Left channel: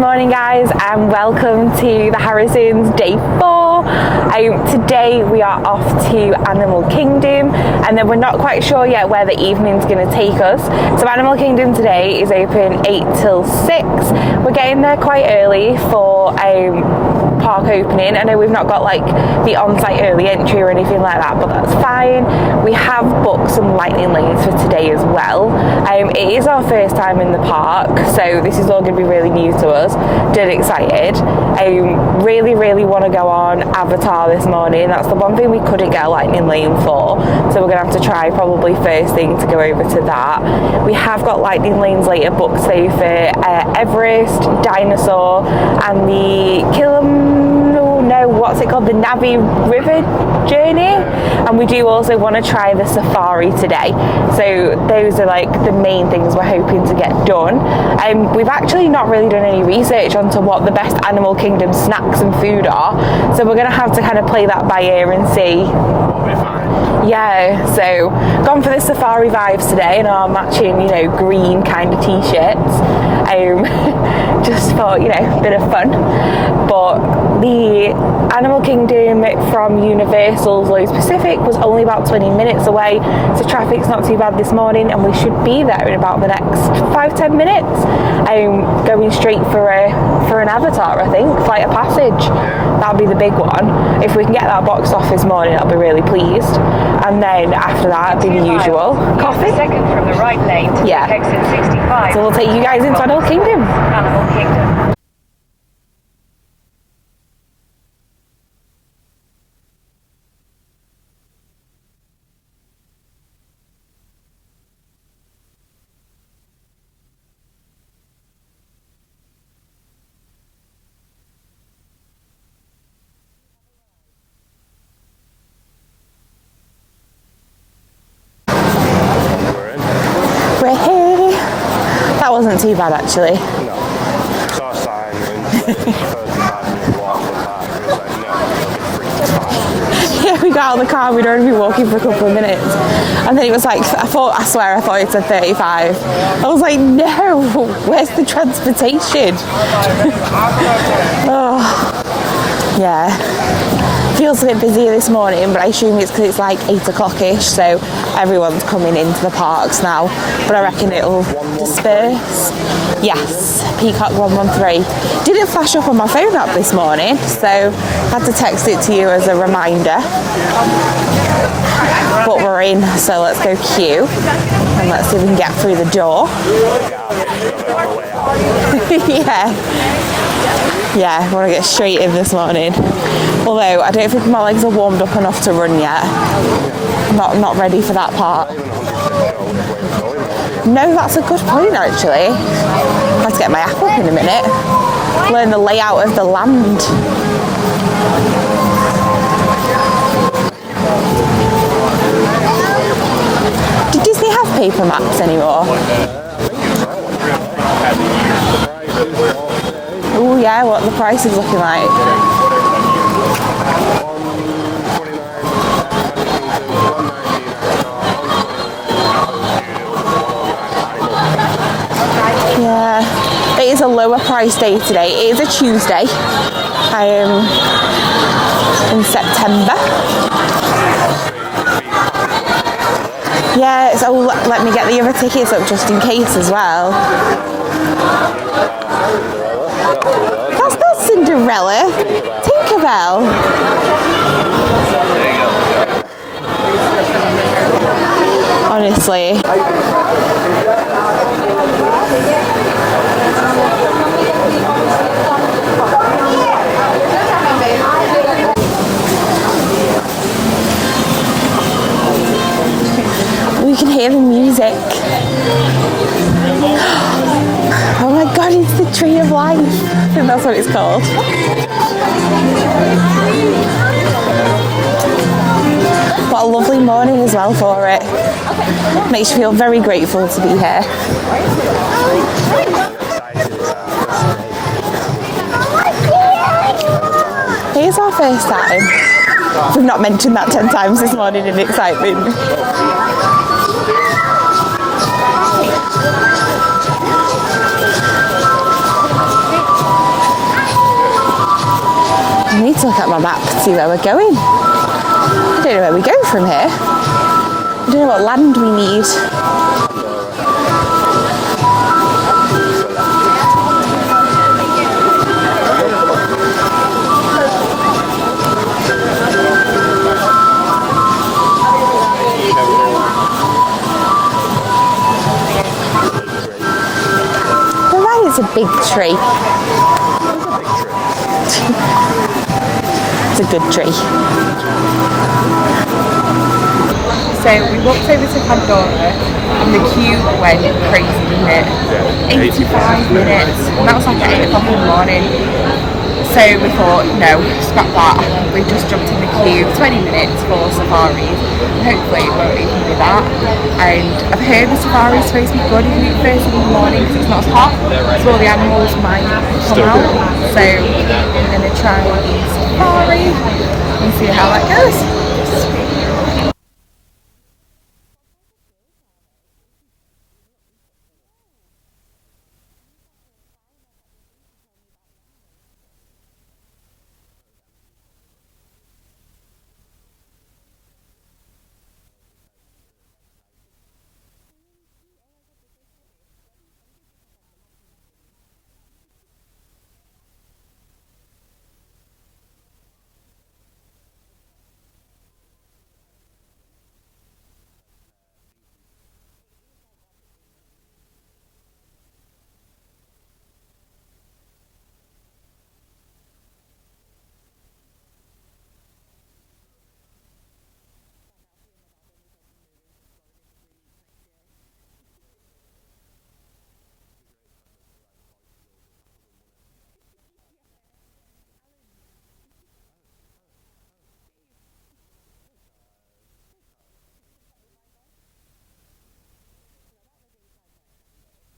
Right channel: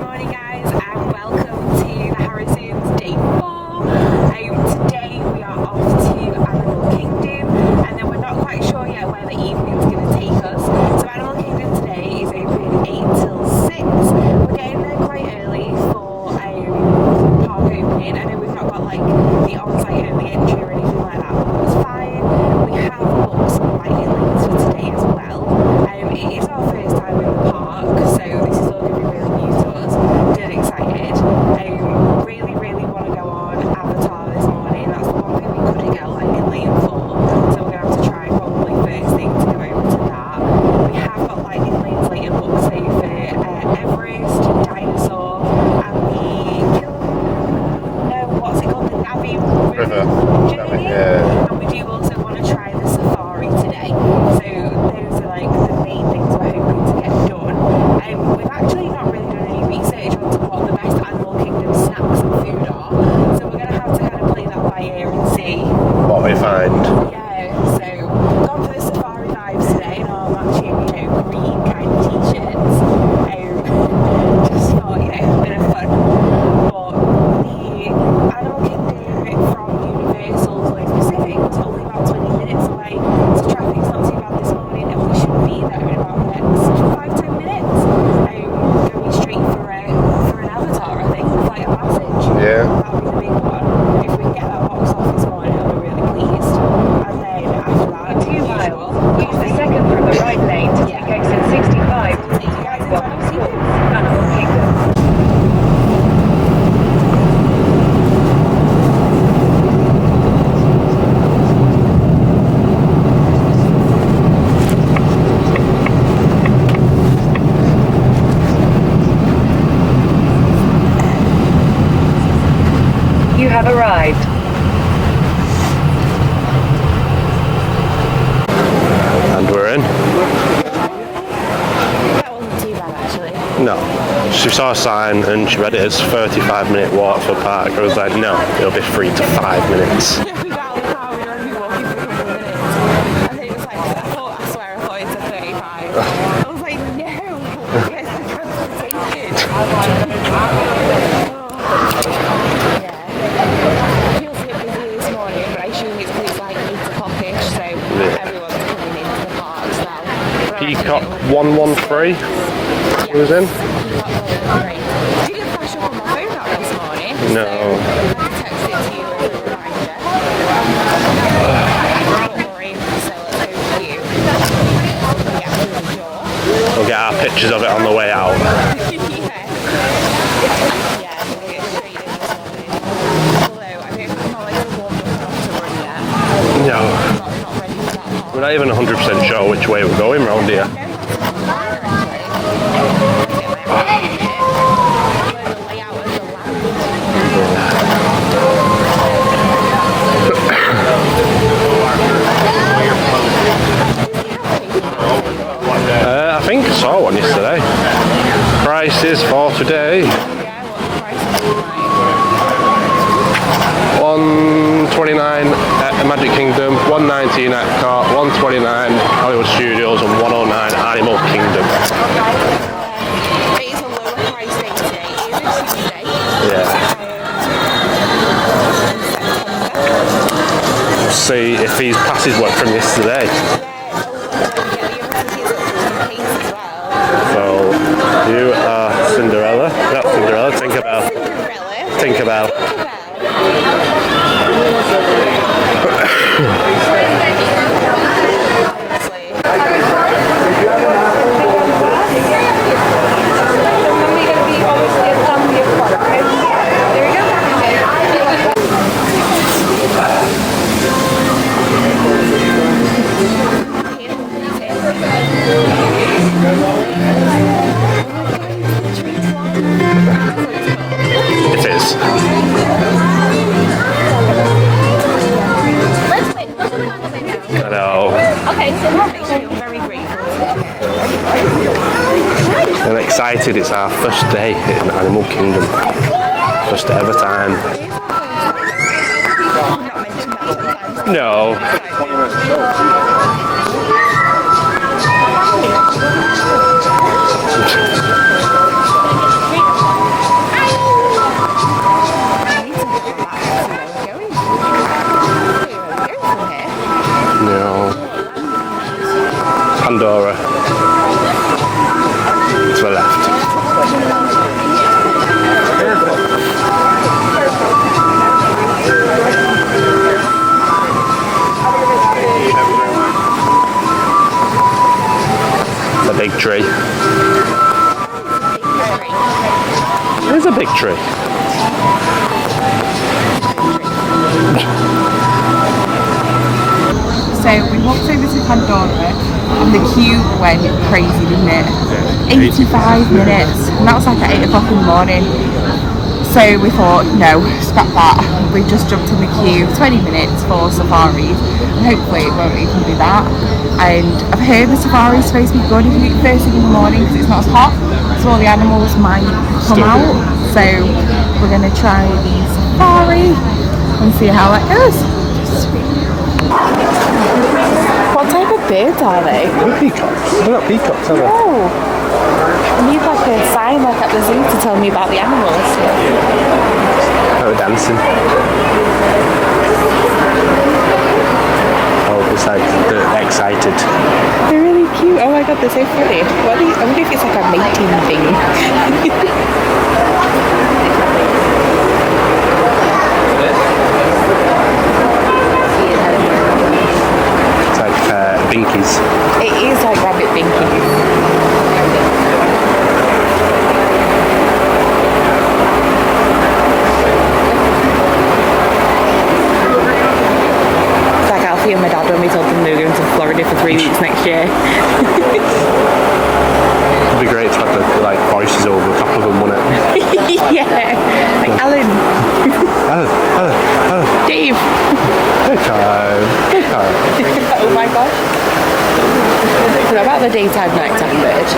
morning guys, and welcome to the Harrisons day 4. Today we are off to Animal Kingdom, and then we're not quite sure yet where the evening's going to take us. So Animal Kingdom today is open 8 till 6. We're getting there quite early for park opening. I know we've not got like the on-site early entry or anything like that, but that's fine. We have booked some lightning lanes for today as well. It is our first time in the park, so this is all going to be really new to us. Dead excited. Really want to go on Avatar this morning. That's the one thing we couldn't get a lightning lane for, so we're going to have to try probably first thing to go over to that. We have got lightning lanes later booked, say for Everest, Dinosaur, and the the Navi River journey, and we do also want to try the safari today. So those are like the main things we're hoping to get done. We've actually not really done any research onto what the best Animal Kingdom snacks and food are, so we're going to have to kind of play that by ear and see what we find. Yeah, so gone for the safari vibes today in our matching, green kind of t-shirts. Just for, a bit of fun. But the Animal Kingdom from Universal's Lowe's Pacific was only about 20 minutes away, so traffic's not too bad this morning, and we should be there in about the next 5-10 minutes. Going straight for an Avatar, I think, Flight of Passage. Yeah. That'll be the big one. If we can get that boxed off this morning, I'll be really pleased. And then after that, it'll be the usual coffee. Second from the right lane to exit 65. So we'll take you guys into Animal Kingdom. Animal Kingdom. You have arrived. And we're in. That wasn't too bad actually. No. She saw a sign and she read it as 35-minute walk to the park. I was like, no, it'll be 3 to 5 minutes. Yeah, we got out of the car, we'd already been walking for a couple of minutes. And then it was like, I swear it said 35. I was like, no, where's the transportation? Oh, yeah. Feels a bit busier this morning, but I assume it's because it's like 8 o'clock-ish, so everyone's coming into the parks now. But I reckon it'll 113. Yes, Peacock 113. Didn't flash up on my phone app this morning, so I had to text it to you as a reminder. But we're in, so let's go queue and let's see if we can get through the door. We'll get our pictures of it on the way out. Yeah, I want to get straight in this morning. Although I don't think my legs are warmed up enough to run yet. No. Not ready for that part. We're not even 100% sure which way we're going round here. No, that's a good point actually. Let's get my app up in a minute. Learn the layout of the land. Did Disney have paper maps anymore? I think I saw one yesterday. Prices for today. Oh yeah, what the price is looking like? $129 at the Magic Kingdom, $119 at Epcot, $129 Hollywood Studios, and $109 Animal Kingdom. Yeah, it is a lower price day today. It is a Tuesday. In September. See if these passes work from yesterday. Yeah, so let me get the other tickets up just in case as well. Well, you are Cinderella. Not Cinderella, Tinkerbell. Cinderella? Tinkerbell. Tinkerbell. There you go. Honestly. We can hear the music. Oh my god, it's the Tree of Life. I think that's what it's called. It is. What a lovely morning as well for it. Makes you feel very grateful to be here. I'm excited. It's our first day in Animal Kingdom. First ever time. It is our first time. We've not mentioned that 10 times this morning in excitement. see where we're going. I don't know where we go from here. No. I don't know what land we need. Pandora. To the left. A big tree. Well, that is a big tree. It is a big tree. It's a good tree. So we walked over to Pandora and the queue went crazy, didn't it? Yeah. 85 minutes, and that was like at 8 o'clock in the morning. So we thought, no, scrap that. We've just jumped in the queue 20 minutes for safaris, and hopefully we'll open with that. And I've heard the safari is supposed to be good first thing in the morning because it's not as hot, so all the animals might come out. So we're going to try the safari and see how it goes. Birds are they? They're peacocks. They're not peacocks, are they? Oh. I need like a sign like at the zoo to tell me about the animals. Oh, dancing. Oh, it's like they're excited. They're really cute. Oh my god, they're so funny. I wonder if it's like a mating thing. Binkies. It is like rabbit binkies. It's like Alfie and my dad when we told them they were going to Florida for 3 weeks next year. It'd be great to have the like voices over the top of them, wouldn't it? Yeah. Like Alan. Oh. Dave. Okay. Oh my gosh. What about the daytime, nighttime bird?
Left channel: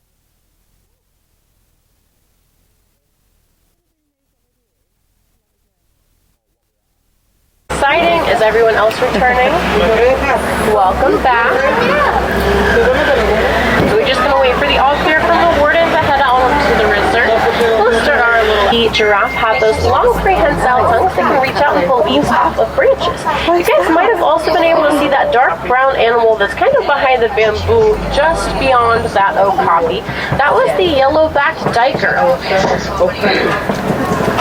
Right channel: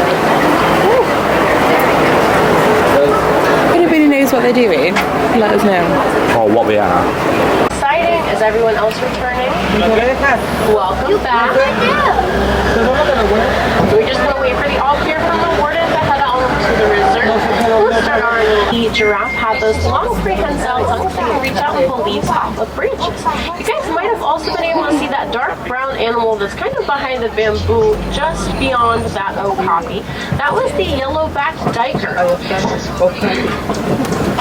If anybody knows what they're doing, let us know. Or what they are. Exciting. Is everyone else returning? Welcome back. So we're just going to wait for the all clear from the warden to head on to the resort. We'll start our little... The giraffe have those long prehensile tongues that can reach out and pull leaves off of branches. You guys might have also been able to see that dark brown animal that's kind of behind the bamboo just beyond that okapi. That was the yellow-backed diker.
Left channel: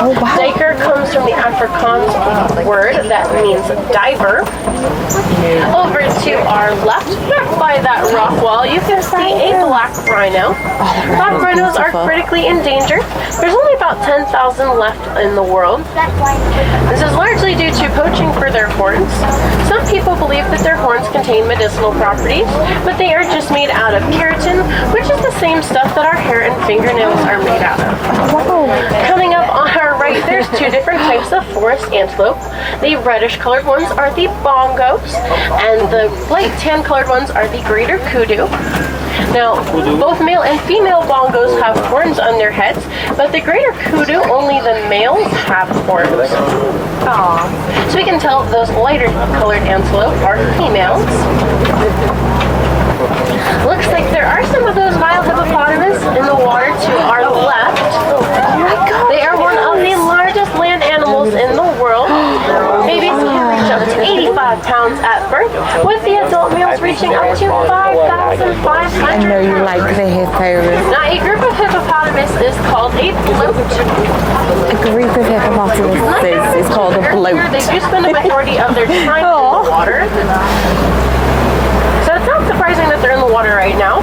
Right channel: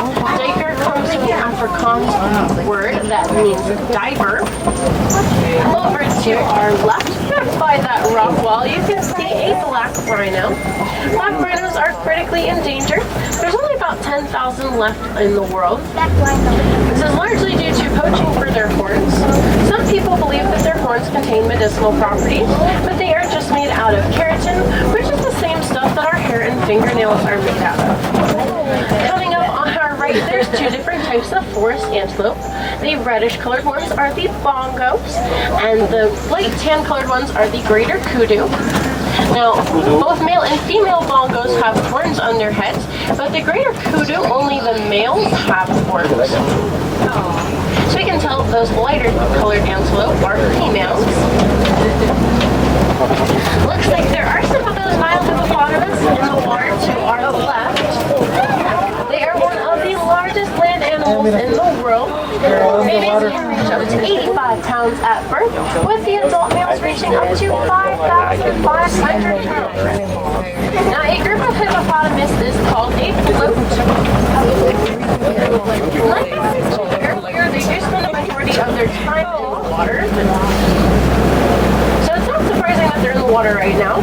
Diker comes from the Afrikaans word that means diver. Over to our left, back by that rock wall, you can see a black rhino. Black rhinos are critically endangered. There's only about 10,000 left in the world. This is largely due to poaching for their horns. Some people believe that their horns contain medicinal properties, but they are just made out of keratin, which is the same stuff that our hair and fingernails are made out of. Coming up on our right, there's two different types of forest antelope. The reddish colored ones are the bongos, and the light tan colored ones are the greater kudu. Now, both male and female bongos have horns on their heads, but the greater kudu, only the males have horns. Aww. So we can tell those lighter colored antelope are females. Looks like there are some of those Nile hippopotamus in the water to our left. They are one of the largest land animals in the world. Babies can reach up to 85 pounds at birth, with the adult males reaching up to 5,500 pounds. Like the hippos. Now, a group of hippopotamus is called a float. A group of hippopotamuses is called a float. They do spend a majority of their time in the water. So it's not surprising that they're in the water right now.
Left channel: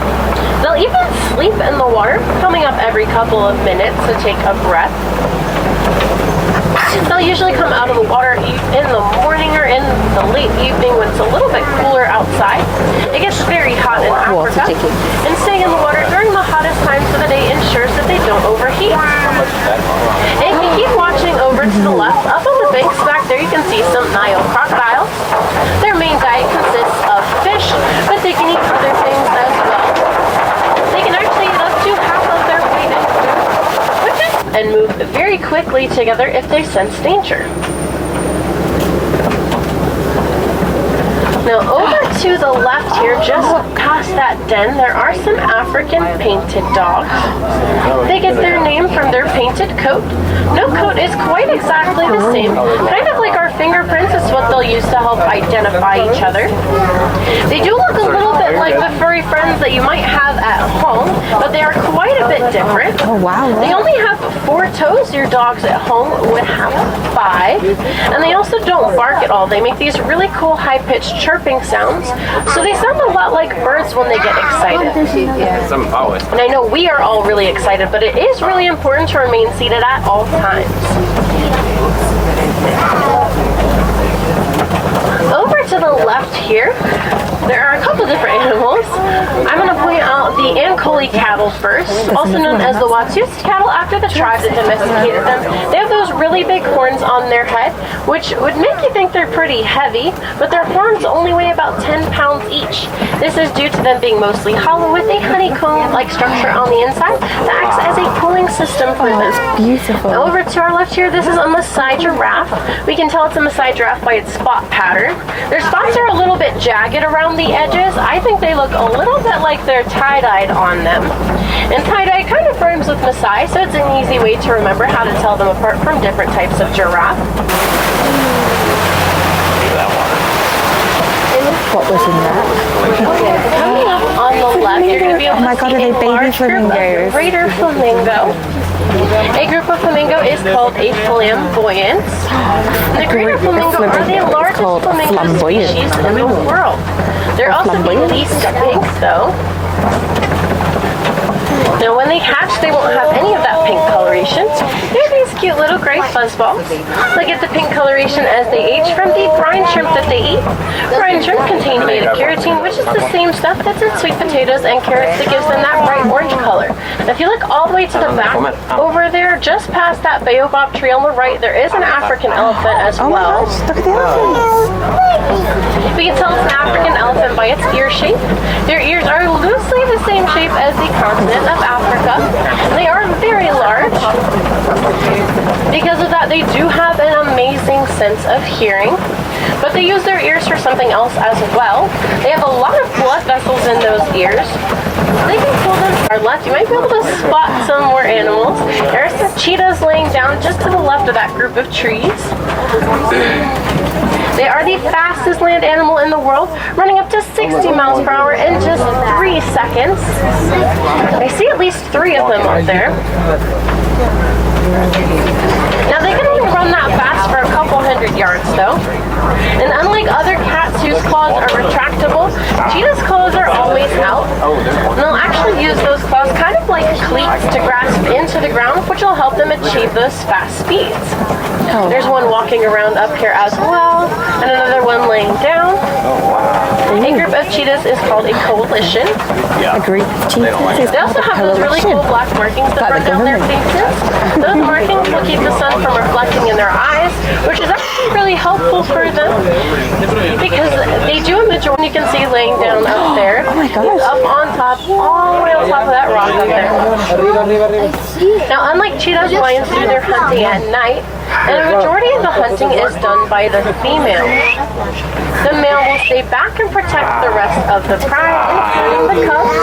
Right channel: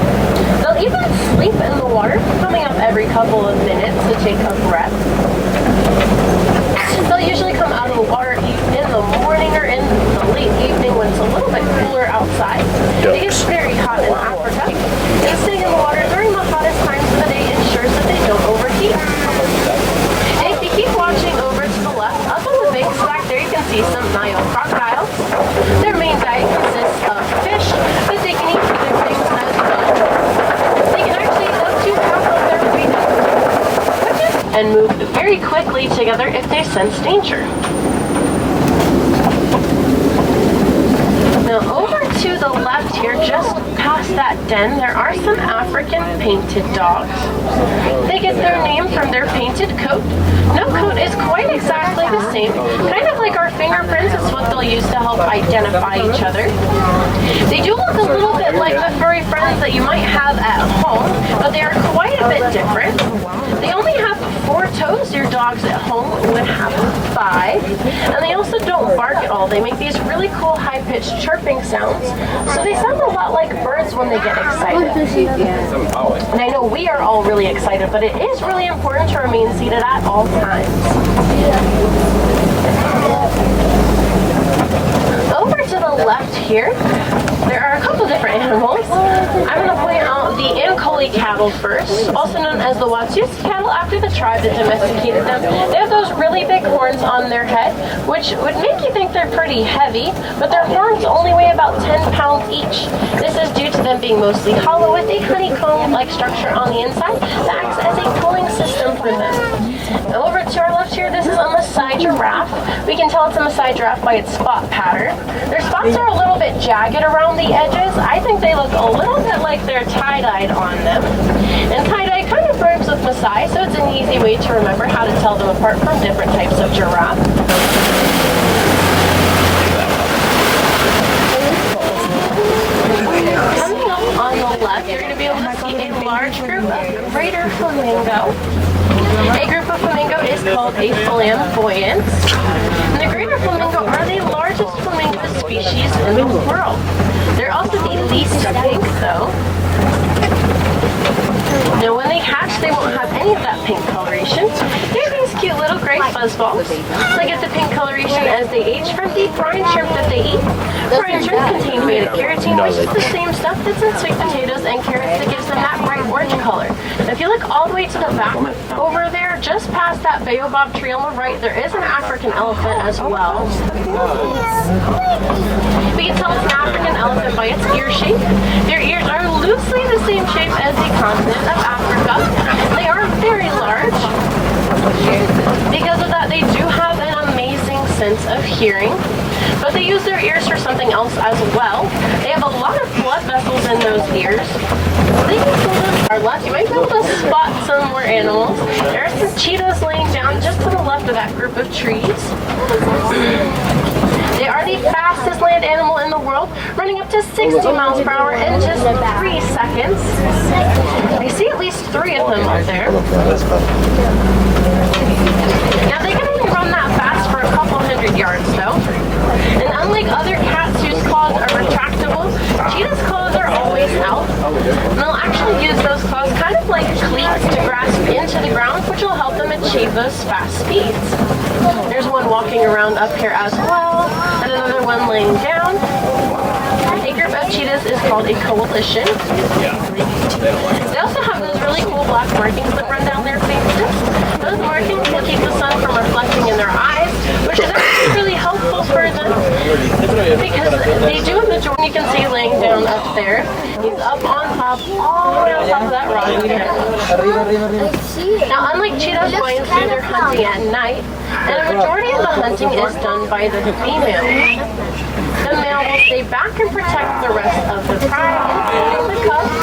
They'll even sleep in the water, coming up every couple of minutes to take a breath. They'll usually come out of the water in the morning or in the late evening when it's a little bit cooler outside. It gets very hot in Africa, and staying in the water during the hottest times of the day ensures that they don't overheat. And if you keep watching over to the left, up on the banks back there, you can see some Nile crocodiles. Their main diet consists of fish, but they can eat other things as well. They can actually eat up to half of their weight in food, and move very quickly together if they sense danger. Now over to the left here, just past that den, there are some African painted dogs. They get their name from their painted coat. No coat is quite exactly the same. Kind of like our fingerprints is what they'll use to help identify each other. They do look a little bit like the furry friends that you might have at home, but they are quite a bit different. Oh, wow. They only have 4 toes. Your dogs at home would have 5. And they also don't bark at all. They make these really cool high-pitched chirping sounds. So they sound a lot like birds when they get excited. And I know we are all really excited, but it is really important to remain seated at all times. Over to the left here, there are a couple different animals. I'm going to point out the Ankole cattle first, also known as the Watusi cattle after the tribe that domesticated them. They have those really big horns on their head, which would make you think they're pretty heavy, but their horns only weigh about 10 pounds each. This is due to them being mostly hollow with a honeycomb-like structure on the inside that acts as a cooling system for them. Beautiful. Now over to our left here, this is a Maasai giraffe. We can tell it's a Maasai giraffe by its spot pattern. Their spots are a little bit jagged around the edges. I think they look a little bit like they're tie-dyed on them. And tie-dye kind of rhymes with Maasai, so it's an easy way to remember how to tell them apart from different types of giraffe. Coming up on the left, you're going to be able to see a large group of greater flamingo. A group of flamingo is called a flamboyant. And the greater flamingo are the largest flamingo species in the world. They're also the least pink, though. Now, when they hatch, they won't have any of that pink coloration. They have these cute little gray fuzzballs. They get the pink coloration as they age from the brine shrimp that they eat. Brine shrimp contain beta-carotene, which is the same stuff that's in sweet potatoes and carrots that gives them that bright orange color. Now, if you look all the way to the back, over there, just past that baobab tree on the right, there is an African elephant as well. Look at the elephants. We can tell it's an African elephant by its ear shape. Their ears are loosely the same shape as the continent of Africa. They are very large. Because of that, they do have an amazing sense of hearing, but they use their ears for something else as well. They have a lot of blood vessels in those ears. They can pull them to our left. You might be able to spot some more animals. There are some cheetahs laying down just to the left of that group of trees. They are the fastest land animal in the world, running up to 60 miles per hour in just 3 seconds. I see at least 3 of them up there. Now they can even run that fast for a couple hundred yards though. And unlike other cats whose claws are retractable, cheetahs' claws are always out. And they'll actually use those claws kind of like cleats to grasp into the ground, which will help them achieve those fast speeds. There's one walking around up here as well, and another one laying down. A group of cheetahs is called a coalition. A group of cheetahs. They also have those really cool black markings that run down their faces. Those markings will keep the sun from reflecting in their eyes, which is actually really helpful for them because they do a majority. You can see laying down up there. Oh my gosh. Up on top, all the way on top of that rock up there. Now, unlike cheetahs, lions do their hunting at night, and a majority of the hunting is done by the female. The male will stay back and protect the rest of the pride, including the cubs.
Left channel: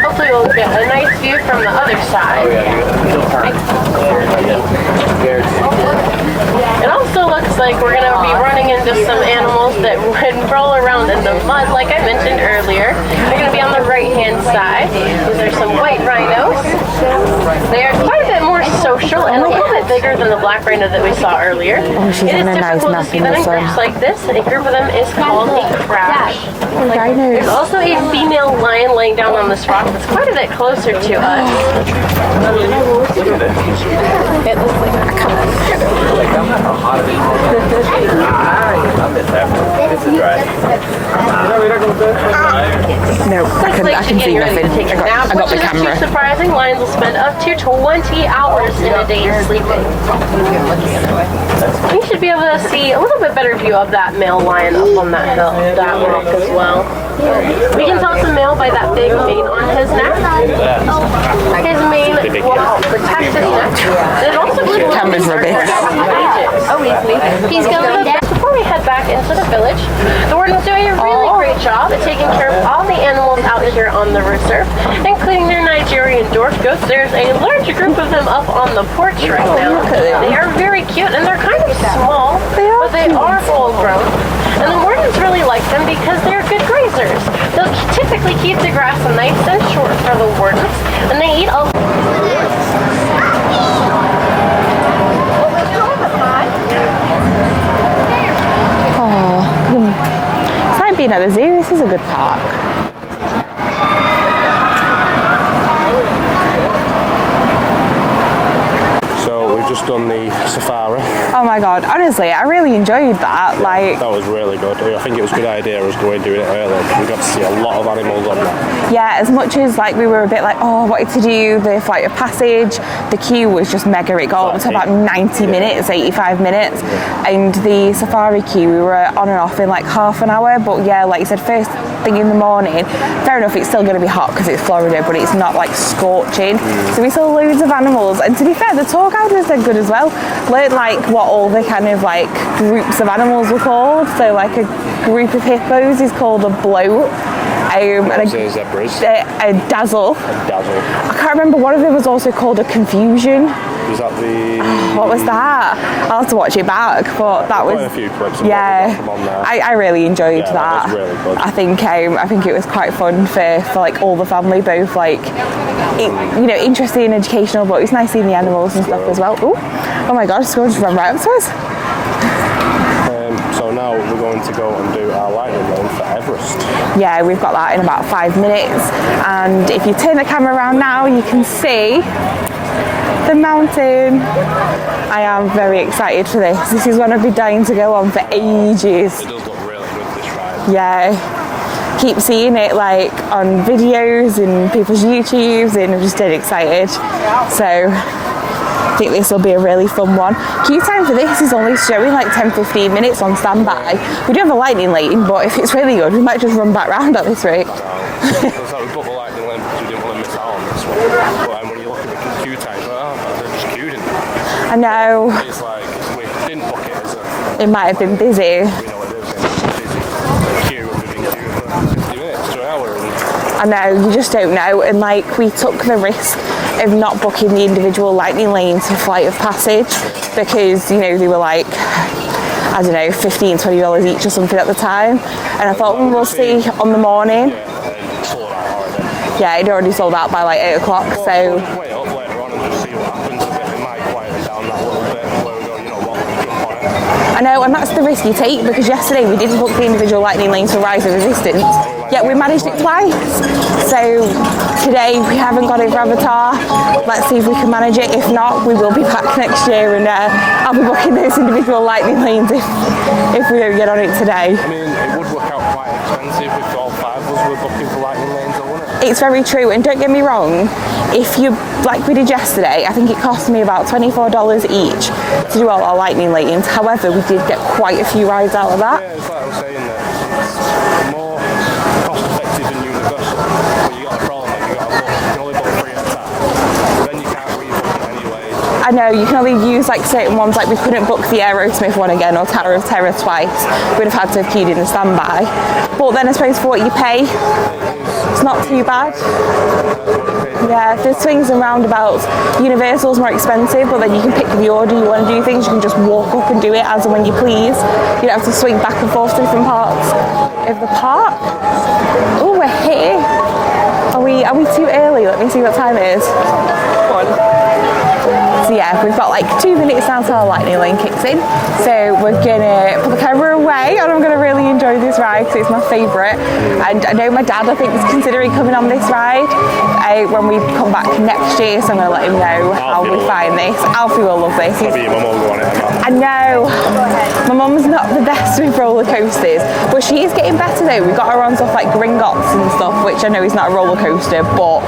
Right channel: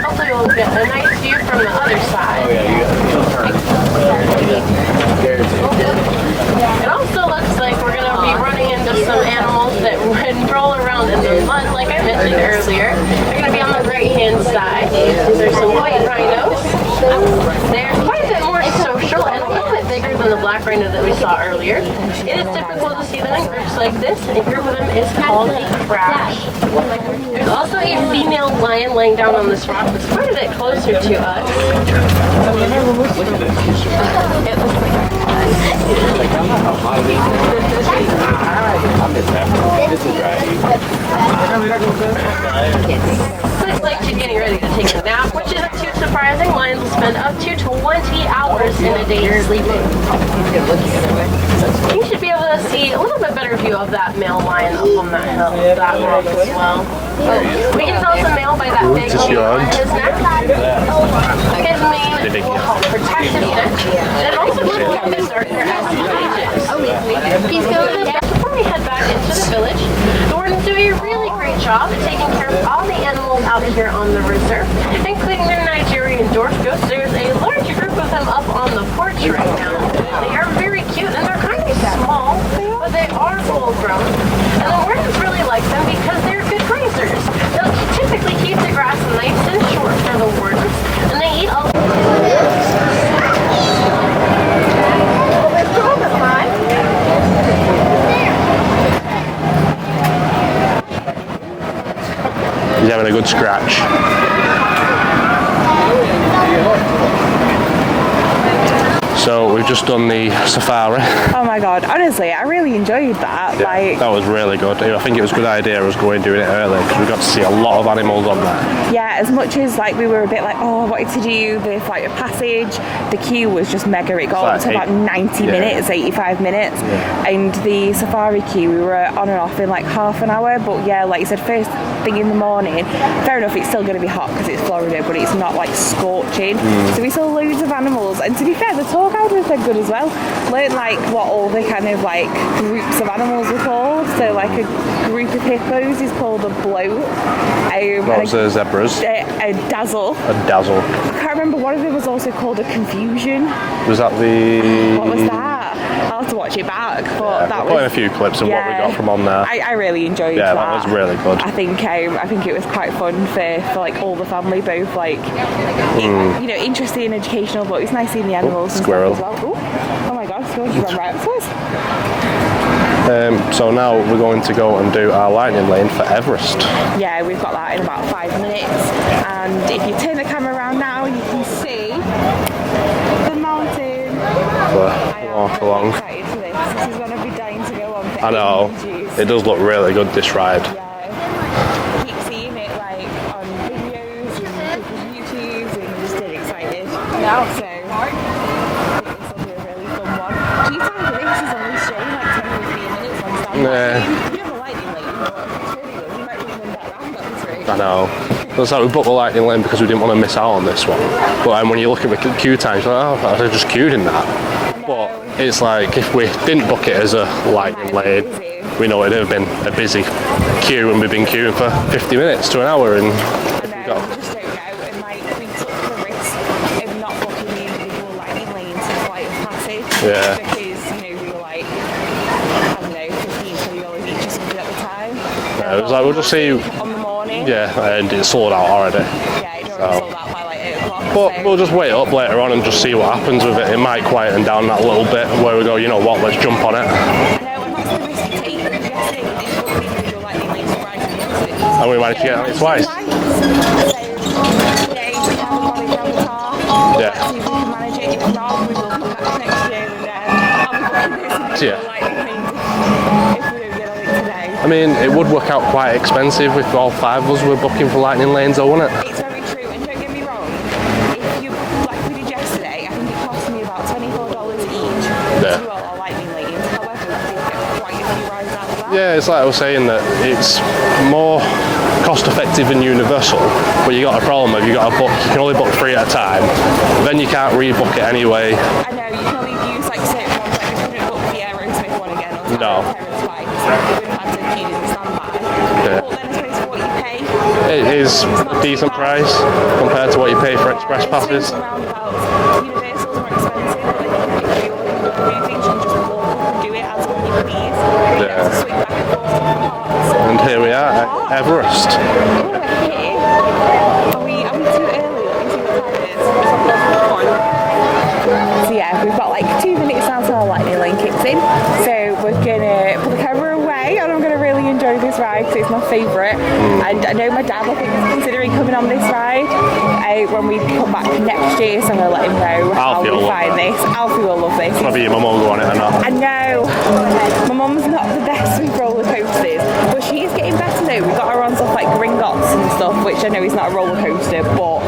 Hopefully we'll get a nice view from the other side. It also looks like we're going to be running into some animals that roll around in the mud, like I mentioned earlier. They're going to be on the right-hand side. These are some white rhinos. They are quite a bit more social and a little bit bigger than the black rhino that we saw earlier. It is typical to see them in groups like this. A group of them is called a crash. There's also a female lion laying down on this rock that's quite a bit closer to us. It looks like a It's like she's getting ready to take a nap, which isn't too surprising. Lions will spend up to 20 hours in a day sleeping. You should be able to see a little bit better view of that male lion up on that hill, that rock as well. We can tell it's a male by that big mane on his neck. His mane will help protect his neck, and it also gives him his ages. He's going down. Before we head head back into the village. The wardens do a really great job at taking care of all the animals out here on the reserve, including their Nigerian dwarf goats. There's a large group of them up on the porch right now. They are very cute and they're kind of small, but they are full grown. And the wardens really like them because they're good grazers. They'll typically keep the grass nice and short for the wardens, and they eat a It's like being at the zoo. This is a good park. He's having a good scratch. So we've just done the safari. Oh my god, honestly, I really enjoyed that. Yeah, like, that was really good. I think it was a good idea us doing it early. We got to see a lot of animals on that. yeah, as much as like we were a bit like, oh, I wanted to do the flight of passage, the queue was just mega. It got up to about 90 minutes, 85 minutes. And the safari queue, we were on and off in like half an hour. But yeah, like you said, first thing in the morning, fair enough, it's still going to be hot because it's Florida, but it's not like scorching. So we saw loads of animals. And to be fair, the tour guide was good as well. Learned like what all the kind of like groups of animals were called. So like a group of hippos is called a bloat. What's the zebras? A dazzle. A dazzle. I can't remember, one of them was also called a confusion. Was that the... What was that? I'll have to watch it back, but that was... Quite a few clips of what we got from on there. I really enjoyed that. Yeah, that was really good. I think it was quite fun for like all the family, both like, you know, interesting and educational, but it was nice seeing the animals and stuff as well. Oh my god, squirrel just ran right up to us. So now we're going to go and do our lightning lane for Everest. Yeah, we've got that in about 5 minutes. And if you turn the camera around now, you can see the mountain. I am very excited for this. This is one I've been dying to go on for ages. It does look really good, this ride. Yeah. Keep seeing it like on videos and people's YouTubes, and I'm just dead excited. So I think this will be a really fun one. Queue time for this is only showing like 10-15 minutes on standby. Yeah. We do have a lightning lane, but if it's really good, we might just run back round at this rate. I know. That's like we booked the lightning lane because we didn't want to miss out on this one. But when you look at the queue times, you're like, oh, I just queued in that. I know. But it's like if we didn't book it as a lightning lane, it might have been busy. We know it'd have been a busy queue, and we've been queuing for 50 minutes to an hour. And I know, you just don't know. And like we took the risk of not booking the individual lightning lanes for flight of passage because, you know, they were like, I don't know, $15-20 each or something at the time. And I thought, we'll see on the morning. Yeah, and it's sold out already. Yeah, it already sold out by like 8 o'clock. But so we'll just wait up later on and just see what happens with it. It might quieten down that little bit where we go, you know what, let's jump on it. I know, and that's the risk you take, because yesterday we didn't book the individual lightning lanes for Rise of Resistance. And we managed it twice. So today we haven't got it for Avatar. Yeah. Let's see if we can manage it. If not, we will be back next year, and I'll be booking those individual lightning lanes if we don't get on it today. I mean, it would work out quite expensive if all 5 of us were booking for lightning lanes, though, wouldn't it? It's very true, and don't get me wrong, if you, like we did yesterday, I think it cost me about $24 each to do all our lightning lanes. However, we did get quite a few rides out of that. Yeah, it's like I was saying, that it's more cost effective and universal, but you got a problem if you got a book, you can only book 3 at a time, then you can't rebook it anyway. I know, you can only use like certain ones, like we couldn't book the Aerosmith one again or Tower of Terror twice. We'd have had to have queued in the standby. Yeah. But then I suppose for what you pay, it's not a decent price compared to what you pay for express the passes. swings and roundabouts. Universal's more expensive, but then you can pick the order you want to do things. You can just walk up and do it as and when you please. You don't have to swing back and forth to different parts. And here we are, Everest. Oh, we're here. Are we too early? Let me see what time it is. So yeah, we've got like 2 minutes now till our lightning lane kicks in. So we're gonna put the camera away, and I'm gonna really enjoy this ride because it's my favourite. And I know my dad, I think, is considering coming on this ride when we come back next year. So I'm gonna let him know how we find this. Alfie will love this. Maybe your mum will go on it. I know. My mum's not the best with roller coasters, but she is getting better though. We got her on stuff like Gringotts and stuff, which I know is not a roller coaster, but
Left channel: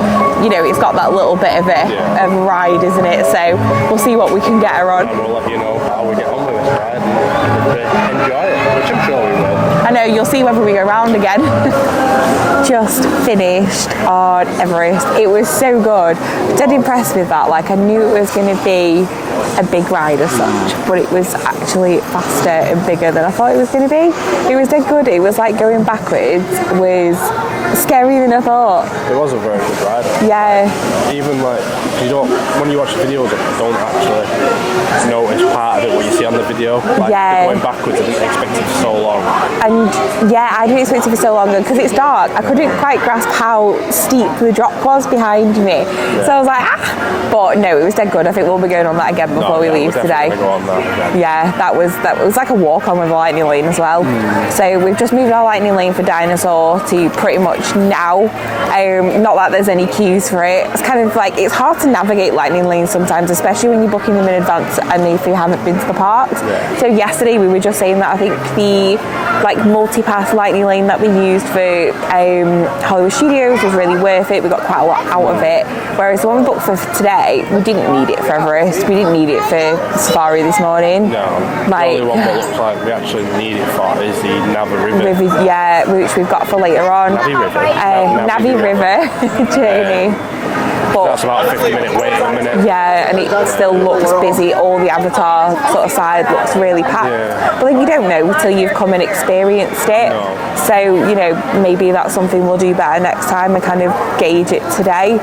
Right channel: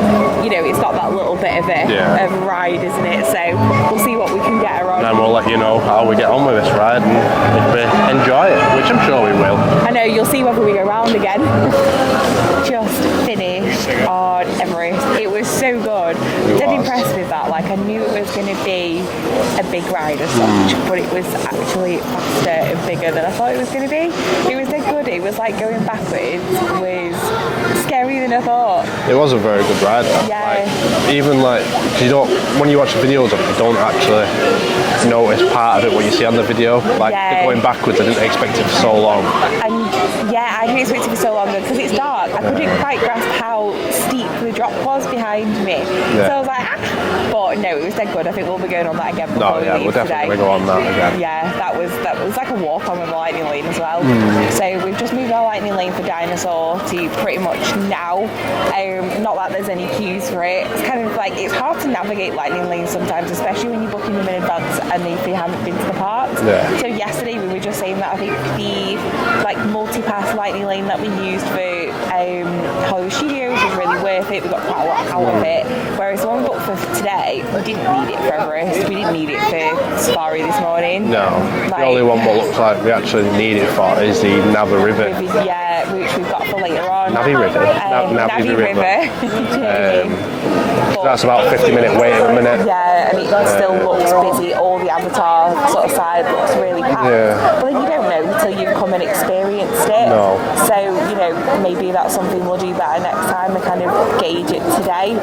you know, it's got that little bit of a ride, isn't it? So we'll see what we can get her on. And we'll let you know how we get on with this ride and if we enjoy it, which I'm sure we will. I know, you'll see whether we go round again. Just finished finished on Everest. It was so good. Dead impressed with that. Like, I knew it was going to be a big ride as such, but it was actually faster and bigger than I thought it was going to be. It was dead good. It was like going backwards was scarier than I thought. It was a very good ride. Yeah. Like, even like, you don't, when you watch the videos, you don't actually notice part of it what you see on the video. Like, going backwards, I didn't expect it for so long. And yeah, I didn't expect it for so long because it's dark. I couldn't quite grasp how steep the drop was behind me. So I was like, but no, it was dead good. I think we'll be going on that again before we leave today. Go on that again. Yeah, that was like a walk on with a lightning lane as well. So we've just moved our lightning lane for Dinosaur to pretty much now. Not that there's any queues for it. It's kind of like, it's hard to navigate lightning lanes sometimes, especially when you're booking them in advance and if you haven't been to the parks. So yesterday we were just saying that I think the like multi-pass lightning lane that we used for Hollywood Studios was really worth it. We got quite a lot out of it. Whereas the one we booked for today, we didn't need it for Everest. We didn't need it for Safari this morning. No, like, the only one that looks like we actually need it for is the Navi River. Which we've got for later on. Navi River? Navi River journey. That's about a 50-minute wait at the minute. Yeah, and it still looks busy. All the Avatar sort of side looks really packed. But then you don't know till you've come and experienced it. No. So, you know, maybe that's something we'll do better next time and kind of gauge it today.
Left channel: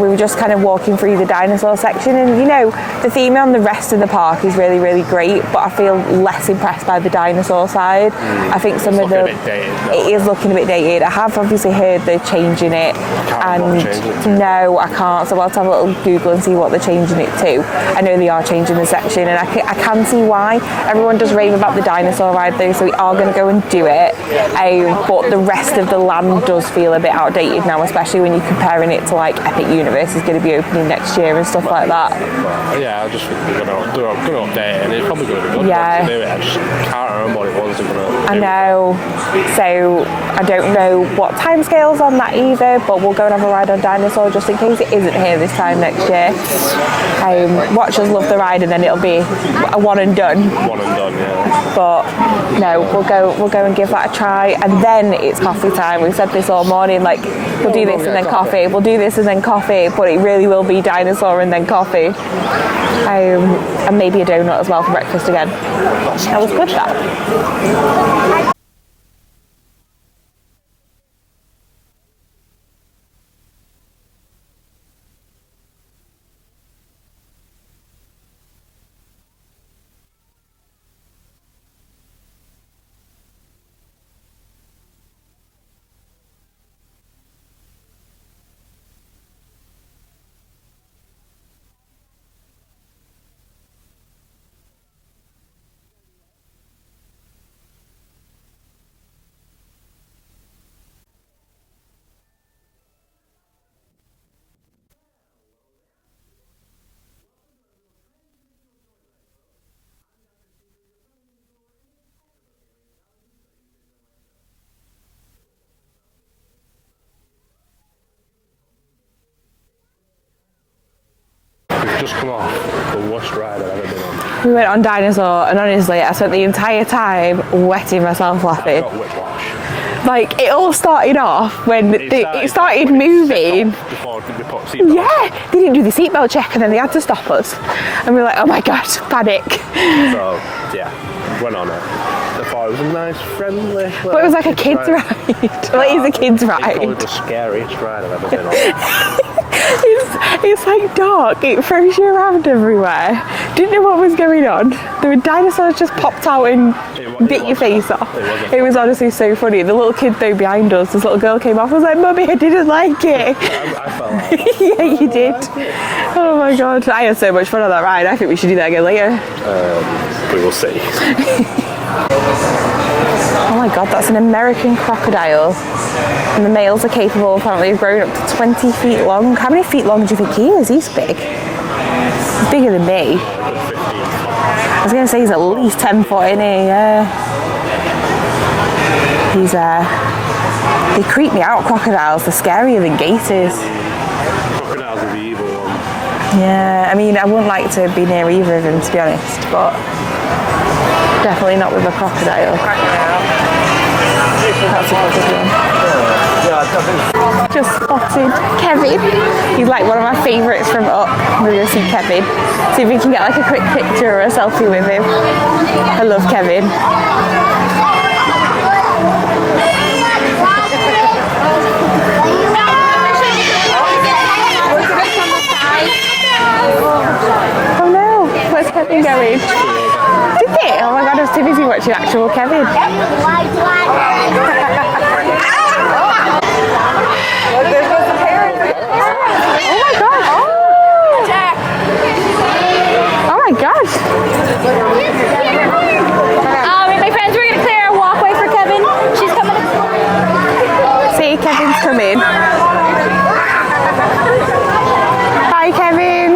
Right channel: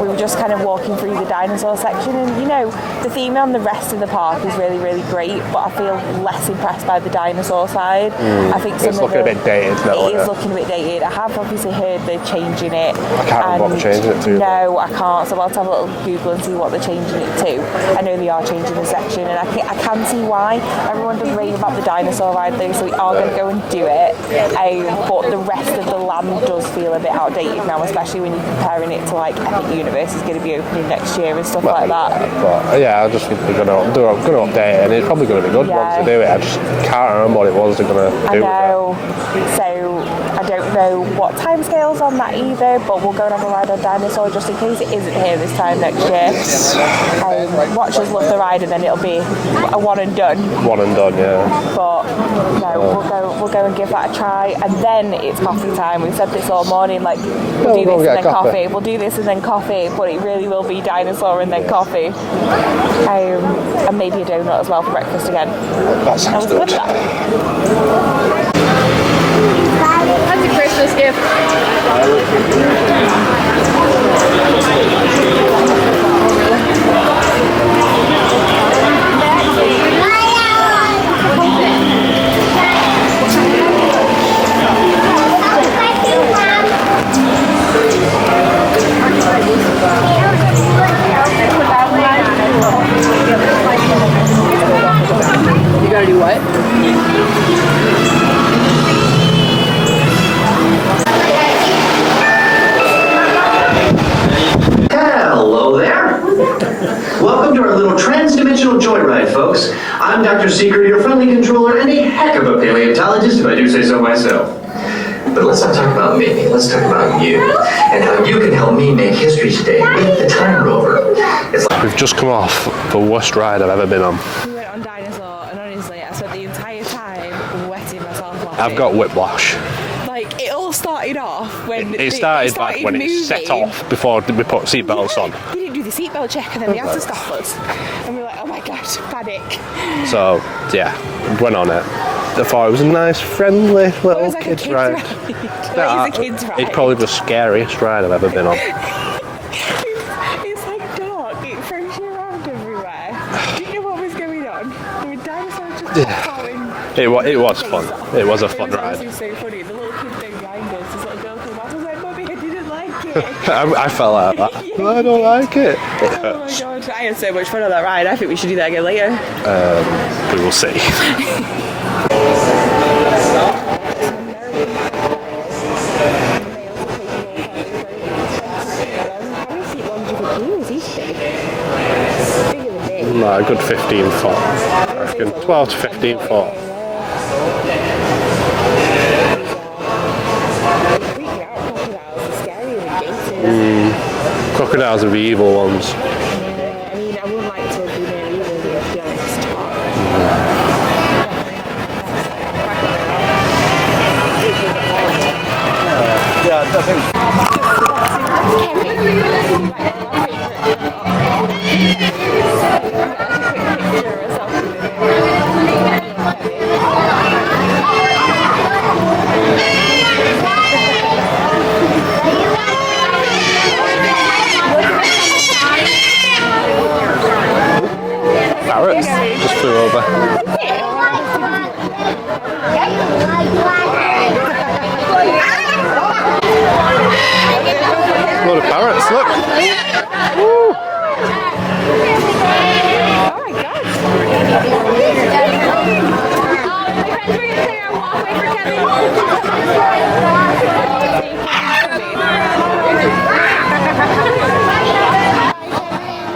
We were just kind of walking through the dinosaur section and, you know, the theme on the rest of the park is really, really great, but I feel less impressed by the dinosaur side. I think some of the... It's looking a bit dated now. It is looking a bit dated. I have obviously heard they're changing it. I can't remember what they're changing it to. No, I can't. So I'll have a little Google and see what they're changing it to. I know they are changing the section and I can see why. Everyone does rave about the dinosaur ride though, so we are going to go and do it. But the rest of the land does feel a bit outdated now, especially when you're comparing it to like Epic Universe is going to be opening next year and stuff like that. But, yeah, I just think they're going to update it and it's probably going to be good once they do it. I just can't remember what it was they're going to do. I know. So I don't know what timescales on that either, but we'll go and have a ride on Dinosaur just in case it isn't here this time next year. Watch us love the ride and then it'll be a one and done. One and done, yeah. But no, we'll go and give that a try, and then it's coffee time. We've said this all morning, like we'll do this and then coffee. We'll do this and then coffee, but it really will be Dinosaur and then coffee. And maybe a donut as well for breakfast again. That was good that. That's a Christmas gift. You gotta do what? Hello there. Welcome to our little trans-dimensional joyride, folks. I'm Dr. Secret, your friendly controller, and a heck of a paleontologist, if I do say so myself. But let's not talk about me. Let's talk about you and how you can help me make history today with the Time Rover. We've just come off the worst ride I've ever been on. We went on Dinosaur, and honestly, I spent the entire time wetting myself laughing. I've got whiplash. Like, it all started off when it started when moving. It set off before we put seatbelts on. They didn't do the seatbelt check and then they had to stop us. And we were like, oh my god, panic. So, yeah, went on it. I thought it was a nice, friendly little But it was like a kid's ride. Like, it's a kid's ride. It's probably the scariest ride I've ever been on. It's like dark, it throws you around everywhere. Didn't know what was going on. There were dinosaurs just popped out and bit your face fun. off. It was a fun It was ride. honestly so funny. The little kid though behind us, this little girl came off. I was like, Mummy, I didn't like it. I felt like that. Yeah, I you don't did. like it. Oh my god, I had so much fun on that ride. I think we should do that again later. We will see. Oh my god, that's an American crocodile. And the males are capable, apparently, of growing up to 20 feet long. How many feet long do you think he is? He's big. He's bigger than me. No, a good 15 foot. I was going to say he's at least 10 foot, isn't he? Yeah. He's, they creep me out, crocodiles. They're scarier than gators. Crocodiles are the evil ones. Yeah, I mean, I wouldn't like to be near either of them, to be honest, but definitely not with a crocodile. That's a good one. Just Kevin. He's like one of my favourites from up. We're going to see Kevin. See if we can get like a quick picture or a selfie with him. I love Kevin. Oh no, where's Kevin going? Did it? Oh my god, I was too busy watching actual Kevin. Load of parrots, look. Oh my gosh. My friends, we're going to clear a walkway for Kevin. She's coming. See, Kevin's coming. Hi, Kevin.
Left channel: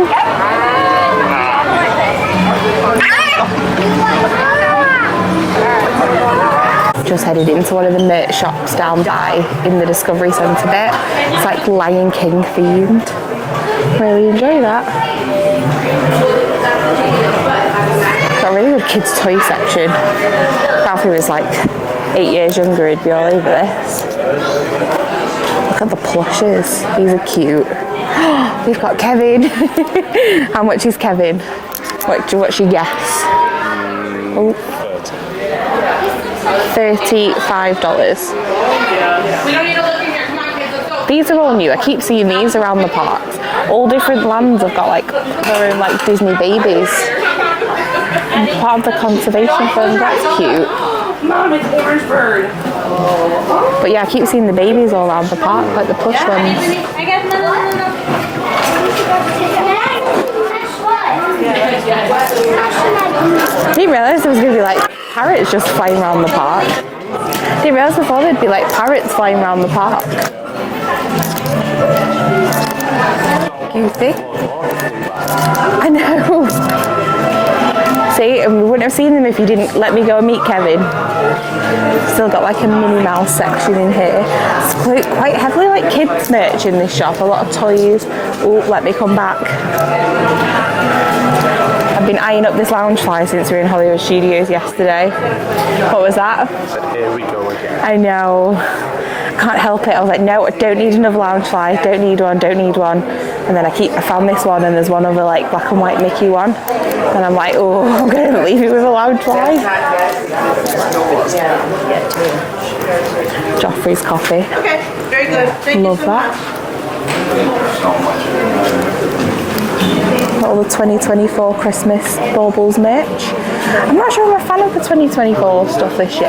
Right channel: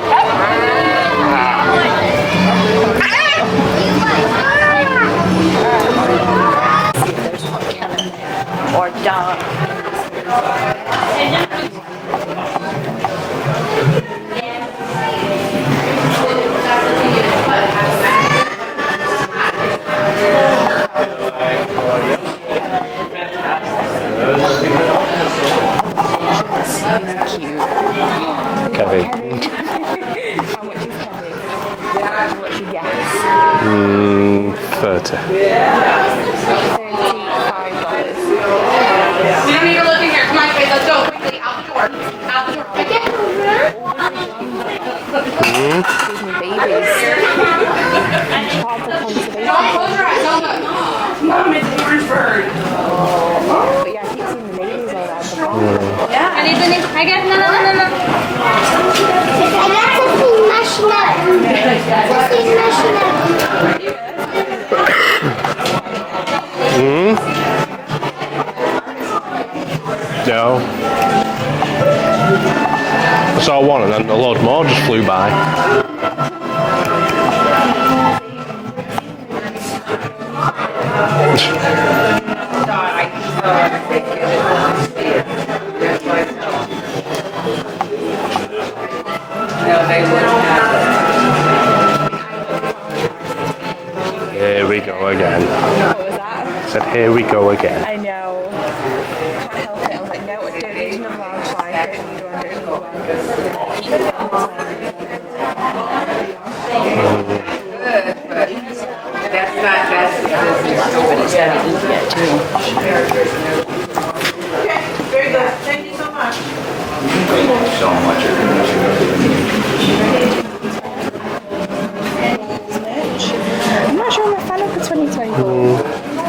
Just headed into one of the merch shops down by in the Discovery Centre bit. It's like Lion King themed. Really enjoy that. Got a really good kids' toy section. Ralphie was like 8 years younger, he'd be all over this. Look at the plushes, these are cute. We've got Kevin. How much is Kevin? What's your guess? 30. $35. These are all new. I keep seeing these around the park. All different lands have got like their own like Disney babies. Part of the conservation fund. That's cute. Mom, it's Everest. But yeah, I keep seeing the babies all around the park, like the plush ones. I got no. I didn't realise there was going to be like parrots just flying around the park. I didn't realise before there'd be like parrots flying around the park. No. I saw one and then a load more just flew by. I know. See, and we wouldn't have seen them if you didn't let me go and meet Kevin. Still got like a Minnie Mouse section in here. It's quite heavily like kids merch in this shop. A lot of toys. Oh, let me come back. I've been eyeing up this Loungefly since we were in Hollywood Studios yesterday. What was that? I said, here we go again. I know. Can't help it. I was like, no, I don't need another Loungefly. Don't need one. And then I found this one, and there's one other like black and white Mickey one. And I'm like, oh, I'm going to leave it with a Loungefly. Joffrey's coffee. Okay, very good. Love that. All the 2024 Christmas baubles merch. I'm not sure I'm a fan of the 2024 stuff this year.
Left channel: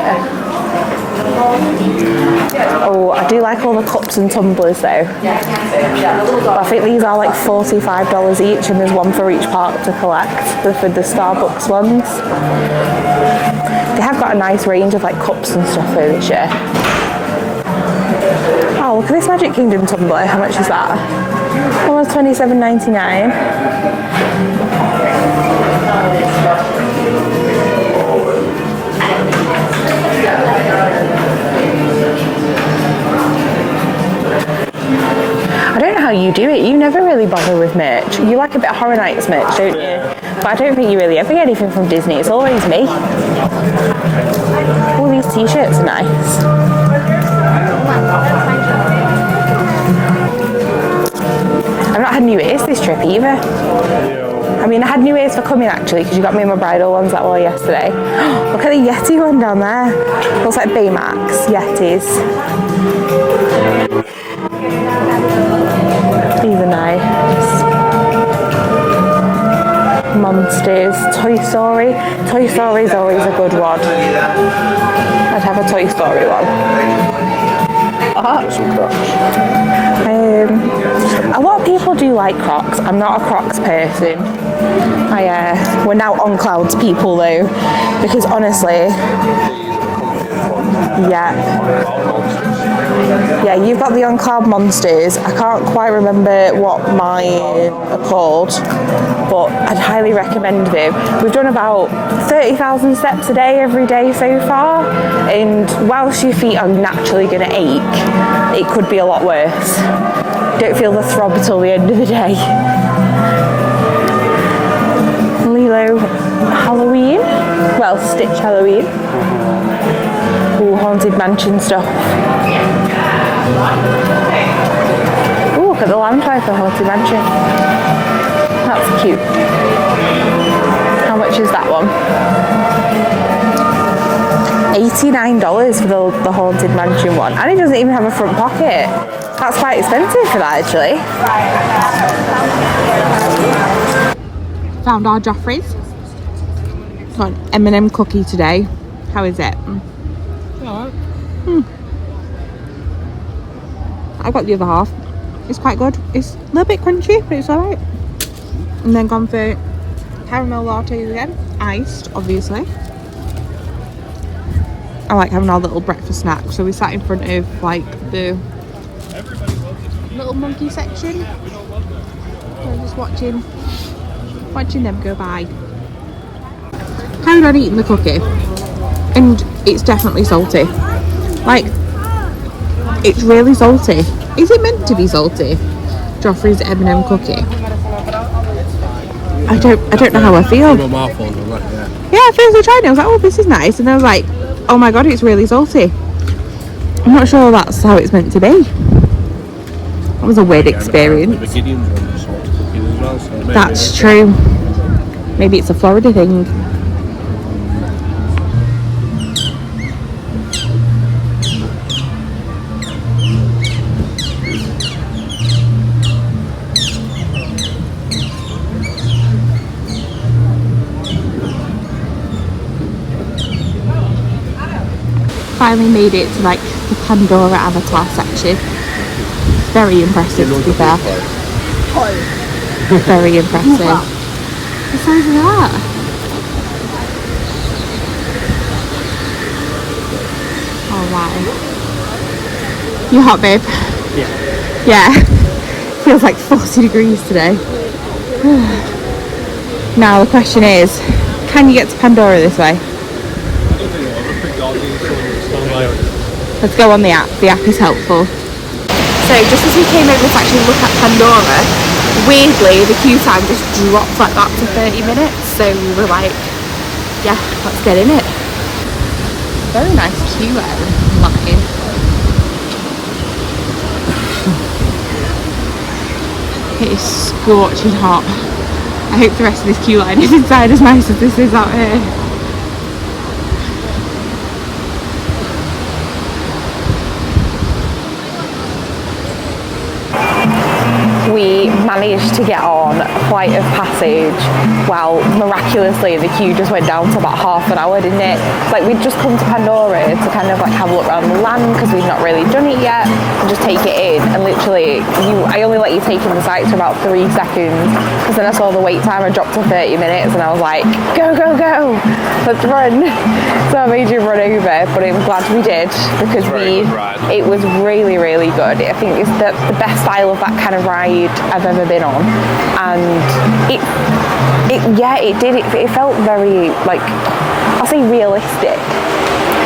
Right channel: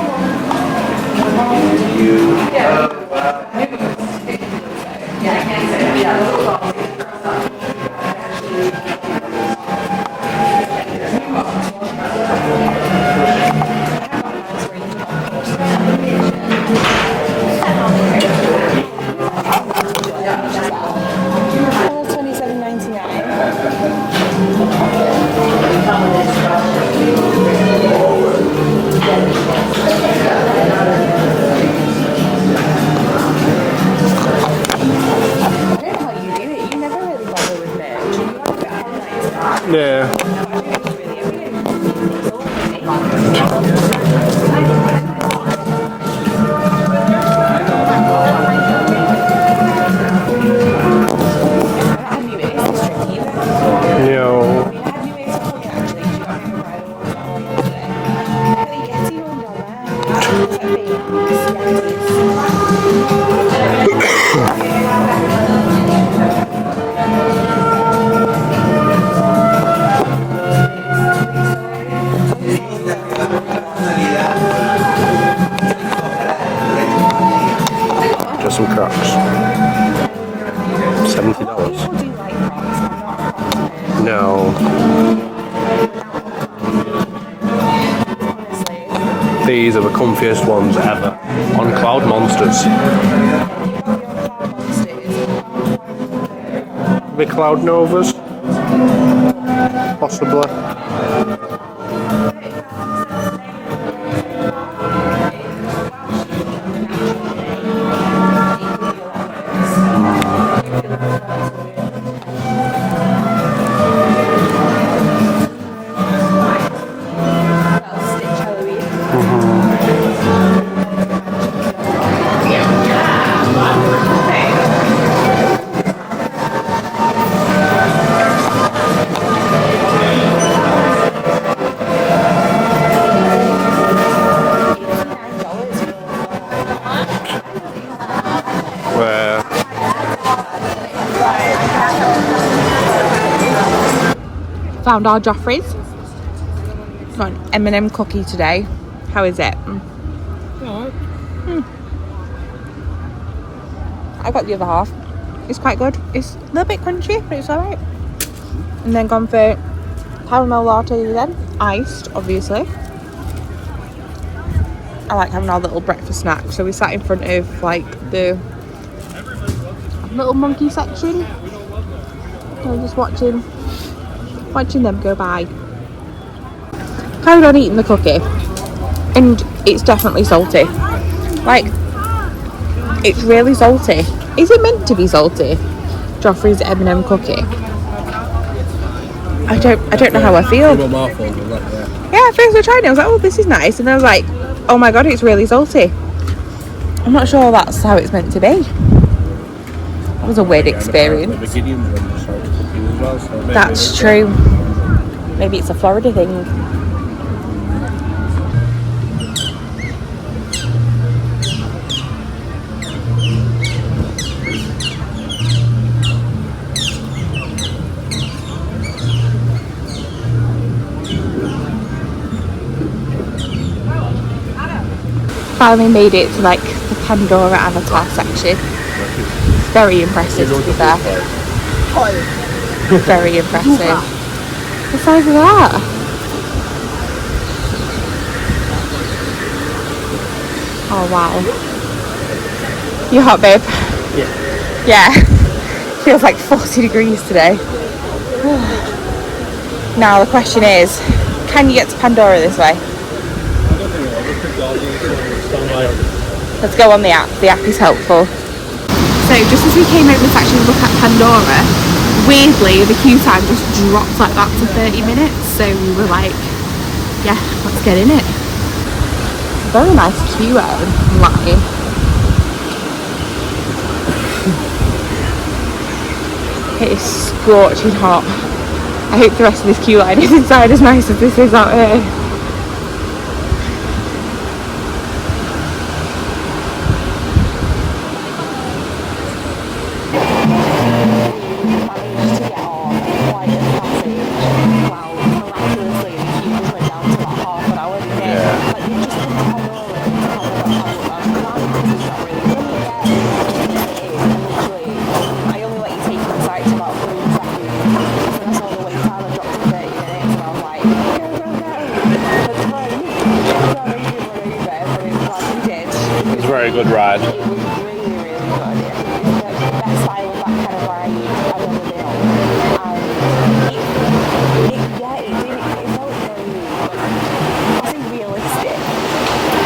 Oh, I do like all the cups and tumblers though. Well, I think these are like $45 each, and there's one for each park to collect for the Starbucks ones. They have got a nice range of like cups and stuff here this year. Oh, look at this Magic Kingdom tumbler. How much is that? Almost $27.99. I don't know how you do it. You never really bother with merch. You like a bit of Horror Nights merch, don't you? Yeah. But I don't think you really ever get anything from Disney. It's always me. All these t-shirts are nice. I've not had new ears this trip either. No. I mean, I had new ears for coming actually, because you got me my bridal ones that were yesterday. Look at the Yeti one down there. Looks like Baymax Yetis. These are nice. Monsters, Toy Story. Toy Story is always a good one. I'd have a Toy Story one. Just some Crocs. A lot of people do like Crocs. I'm not a Crocs person. No. We're now on Clouds people though, because honestly, These are the comfiest ones ever. Yeah. On Cloud Monsters. yeah, you've got the On Cloud Monsters. I can't quite remember what mine Cloud Novas. are called, but I'd highly recommend them. We've done about 30,000 steps a day every day so far, and whilst your feet are naturally going to ache, it could be a lot worse. Don't feel the throb till the end of the day. Lilo Halloween, well, Stitch Halloween. Ooh, Haunted Mansion stuff. actually. Found our Joffrey's. Got an M&M cookie today. How is it? I got the other half. It's quite good. It's a little bit crunchy, but it's alright. And then gone for caramel lattes again. Iced, obviously. I like having our little breakfast snack. So we sat in front of like the little monkey section. So I'm just watching them go by. Carried on eating the cookie. And it's definitely salty. Like, it's really salty. Is it meant to be salty? Joffrey's M&M cookie. I don't know how I feel. Yeah, at first I tried it, I was like, oh, this is nice. And I was like, oh my god, it's really salty. I'm not sure that's how it's meant to be. That was a weird experience. That's true. Maybe it's a Florida thing. Finally made it to like the Pandora avatar section. Very impressive, to be fair. Very impressive. Besides that, oh wow. You hot, babe? Yeah. Feels like 40 degrees today. Now the question is, can you get to Pandora this way? Let's go on the app is helpful. So just as we came over to actually look at Pandora, weirdly the queue time just dropped like that to 30 minutes, so we were like, yeah, let's get in it. It's a very nice queue line. It is scorching hot. I hope the rest of this queue line is inside as nice as this is out here. Managed to get on Flight of Passage. Well, miraculously the queue just went down to about half an hour, didn't it? Like, we'd just come to Pandora to kind of like have a look around the land because we'd not really done it yet, and just take it in, and literally I only let you take in the sight to about 3 seconds, because then I saw the wait time had dropped to 30 minutes and I was like, go, let's run. So I made you run over, but I'm glad we did, because it was really, really good. I think it's the best style of that kind of ride I've ever been on, and it felt very, like, I'll say realistic,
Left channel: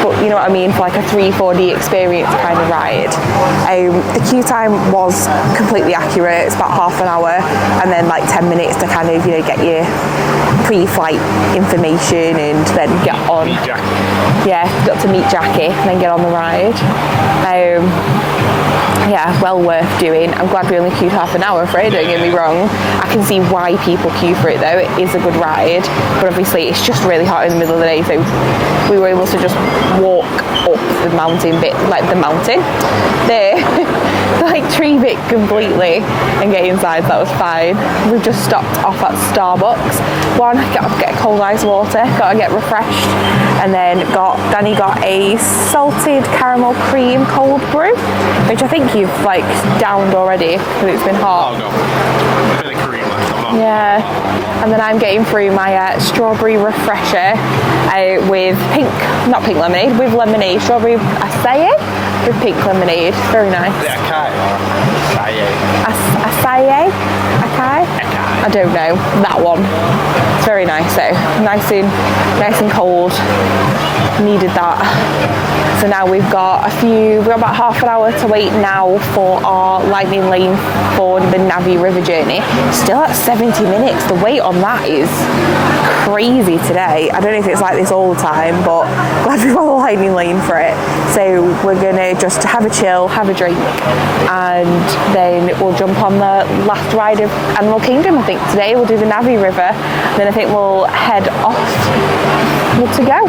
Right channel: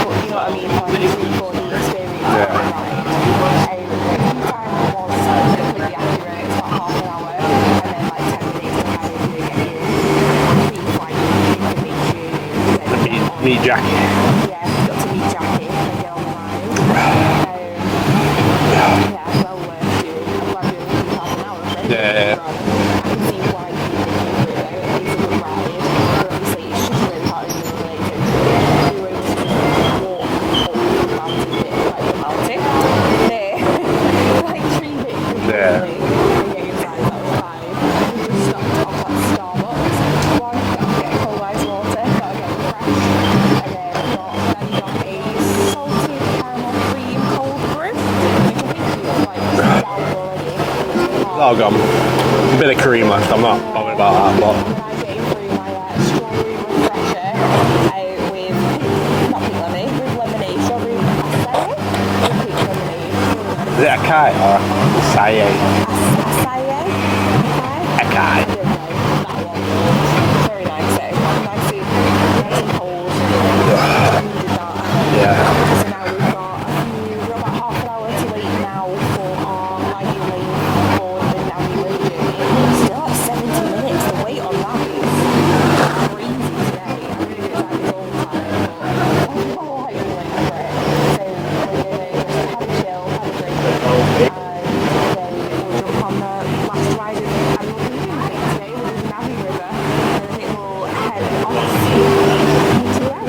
but you know what I mean, for like a 3-4D experience kind of ride. The queue time was completely accurate. It's about half an hour, and then like 10 minutes to kind of, you know, get your pre-flight information and then get on. Meet Jackie. Yeah, got to meet Jackie and then get on the ride. Yeah, well worth doing. I'm glad we only queued half an hour for it, don't get me wrong. I can see why people queue for it though. It is a good ride, but obviously it's just really hot in the middle of the day, so we were able to just walk up the mountain bit, like the mountain, the like tree bit completely, and get inside, so that was fine. We just stopped off at Starbucks. One, get a cold ice water, got to get refreshed, and then Danny got a salted caramel cream cold brew, which I think you've like downed already because it's been hot. Oh god, a bit of cream left. I'm not bothered about that. But. And then I'm getting through my strawberry refresher with not pink lemonade, with lemonade, strawberry acai with pink lemonade. Very nice. Is it acai or acai? Acai? I don't know, that one. It's very nice though. Nice and cold. Needed that. So now we've got about half an hour to wait now for our lightning lane for the Navi River journey. Still at 70 minutes. The wait on that is crazy today. I don't know if it's like this all the time, but glad we've got the lightning lane for it. So we're gonna just have a chill, have a drink, and then we'll jump on the last ride of Animal Kingdom. I think today we'll do the Navi River, then I think we'll head off. Good to go.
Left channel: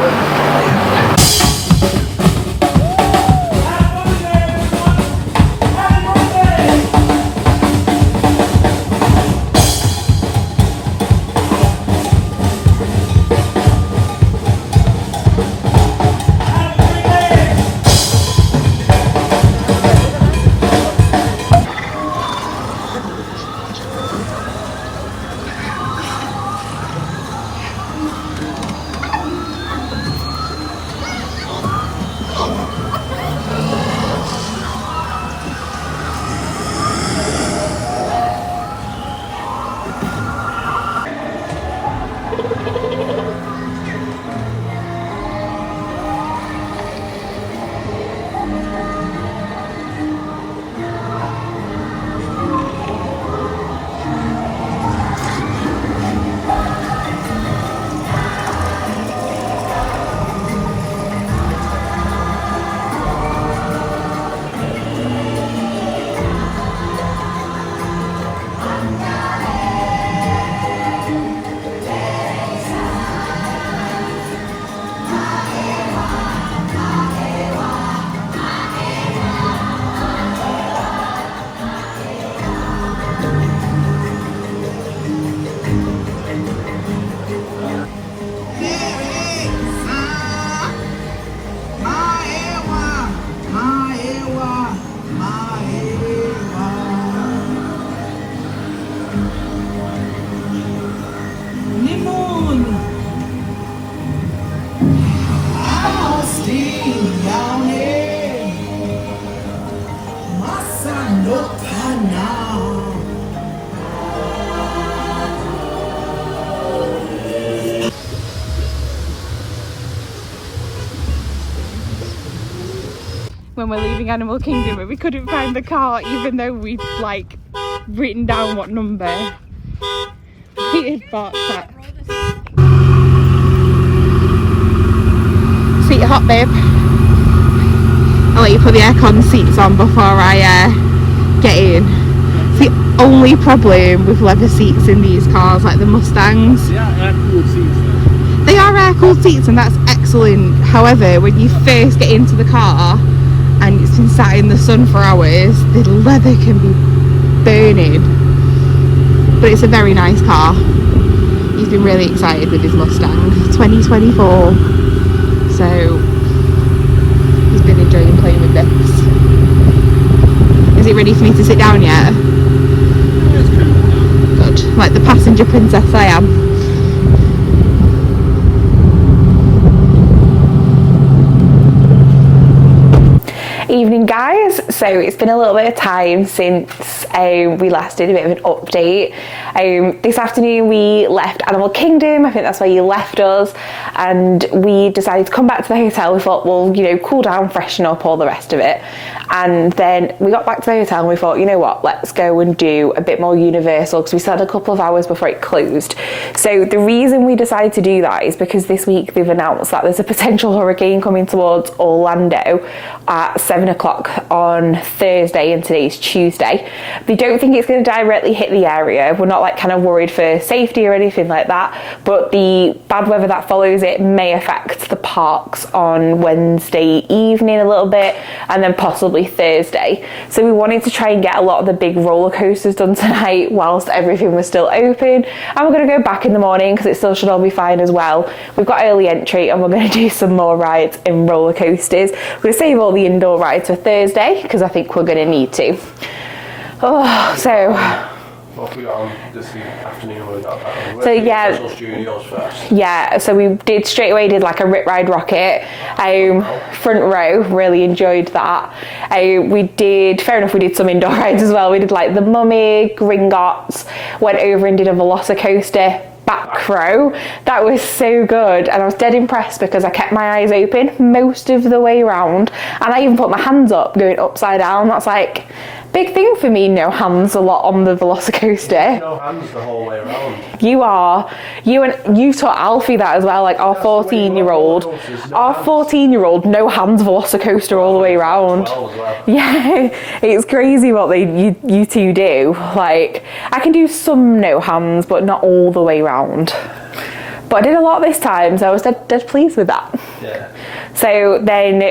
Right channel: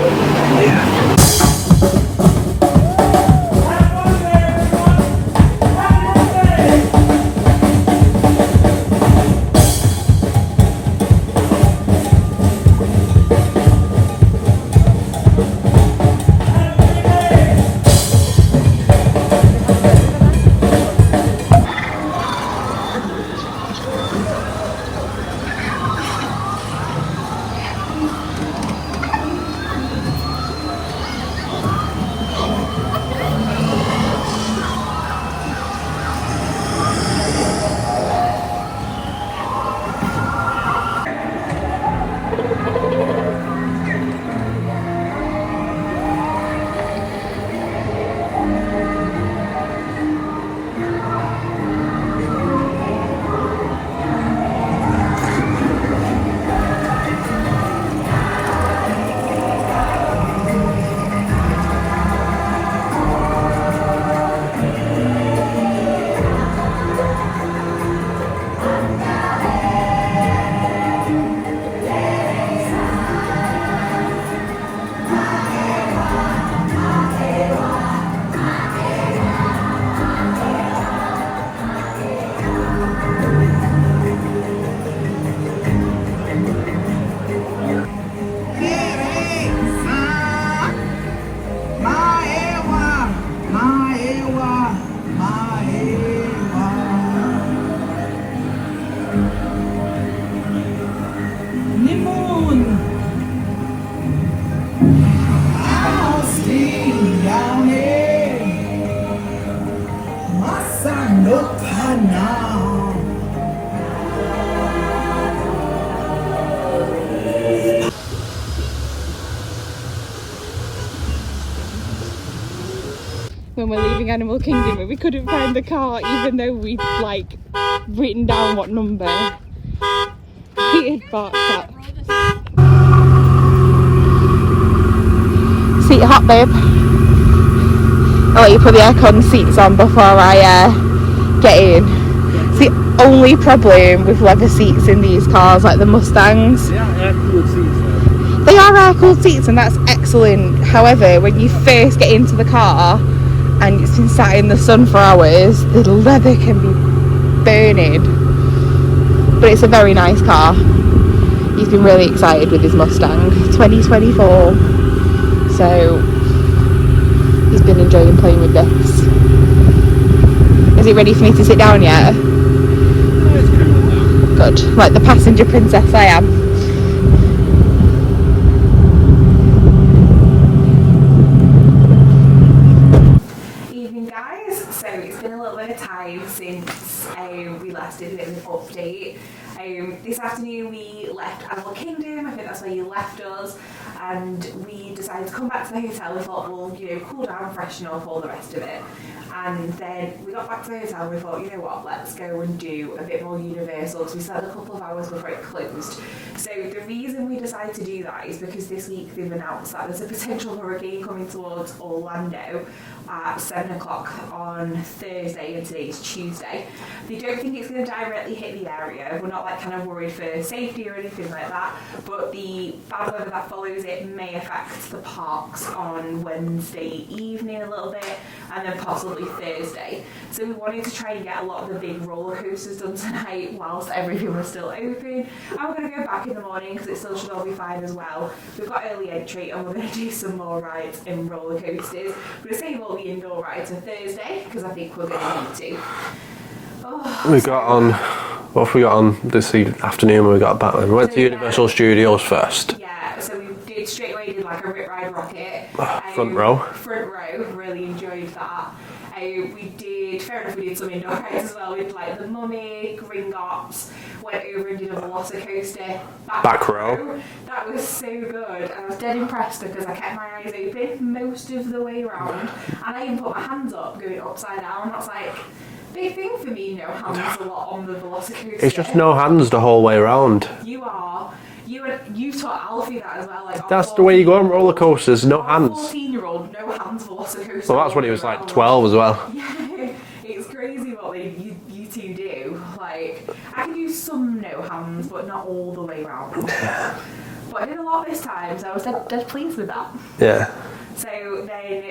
When we're leaving Animal Kingdom and we couldn't find the car even though we'd like written down what number we had parked at. Seat hot, babe. I'll let you put the aircon seats on before I get in. It's the only problem with leather seats in these cars, like the Mustangs. They are air-cooled seats though. They are air-cooled seats and that's excellent. However, when you first get into the car and it's been sat in the sun for hours, the leather can be burning. But it's a very nice car. He's been really excited with his Mustang 2024. So he's been enjoying playing with this. Is it ready for me to sit down yet? Good. Like the passenger princess I am. Evening guys, so it's been a little bit of time since we last did a bit of an update. This afternoon we left Animal Kingdom, I think that's where you left us, and we decided to come back to the hotel. We thought, well, you know, cool down, freshen up, all the rest of it. And then we got back to the hotel and we thought, you know what, let's go and do a bit more Universal because we still had a couple of hours before it closed. So the reason we decided to do that is because this week they've announced that there's a potential hurricane coming towards Orlando at 7 o'clock on Thursday, and today's Tuesday. They don't think it's going to directly hit the area. We're not like kind of worried for safety or anything like that, but the bad weather that follows it may affect the parks on Wednesday evening a little bit, and then possibly Thursday. So we wanted to try and get a lot of the big roller coasters done tonight whilst everything was still open, and we're going to go back in the morning because it still should all be fine as well. We've got early entry and we're going to do some more rides in roller coasters. We're going to save all the indoor rides for Thursday because I think we're going to need to. What have we got on this afternoon when we got back? We went to Universal Studios first. Yeah, so we did straight away, did like a Rip Ride Rocket. Front row, really enjoyed that. We did, fair enough, we did some indoor rides as well. We did like the Mummy, Gringotts, went over and did a Velocicoaster. Back row. That was so good, and I was dead impressed because I kept my eyes open most of the way around, and I even put my hands up going upside down. That's like big thing for me, no hands a lot on the Velocicoaster. It's just no hands the whole way around. You taught Alfie that as well, like our 14-year-old. Our 14-year-old, no hands Velocicoaster all the way around. Like 12 as well. Yeah, it's crazy what you two do. Like, I can do some no hands, but not all the way around. But I did a lot this time, so I was dead pleased with that. Yeah. So then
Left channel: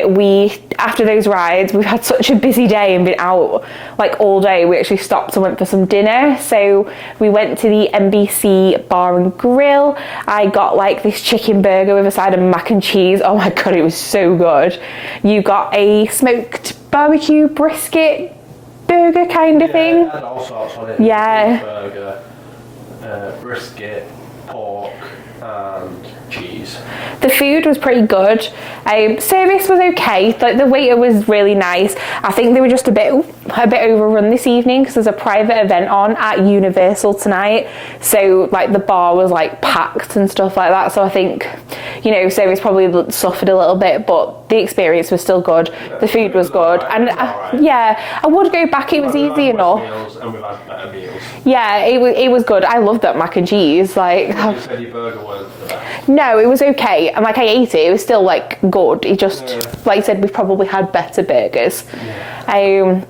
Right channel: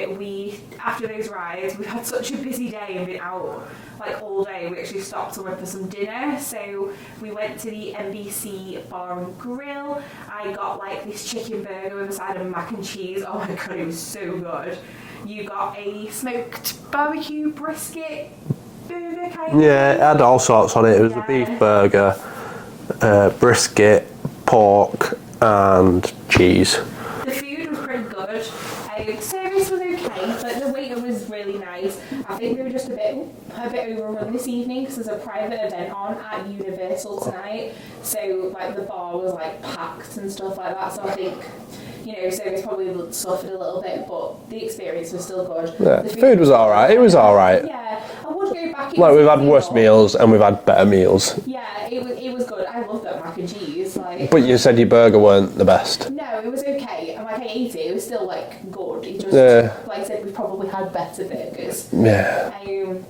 after those rides, we've had such a busy day and been out like all day. We actually stopped and went for some dinner. So we went to the NBC Bar and Grill. I got like this chicken burger with a side of mac and cheese. Oh my God, it was so good. You got a smoked barbecue brisket burger kind of thing. Yeah, it had all sorts on it. It was a beef burger, brisket, pork, and cheese. The food was pretty good. Service was okay. Like the waiter was really nice. I think they were just a bit overrun this evening because there's a private event on at Universal tonight. So like the bar was like packed and stuff like that. So I think, you know, service probably suffered a little bit, but the experience was still good. Yeah, the food was good. Right. It was all right. Yeah, I would go back. It was easy enough. We've had worse meals and we've had better meals. Yeah, it was good. I loved that mac and cheese. Like, but you said your burger weren't the best. No, it was okay. And like I ate it. It was still like good. It just, like you said, we probably had better burgers. Yeah.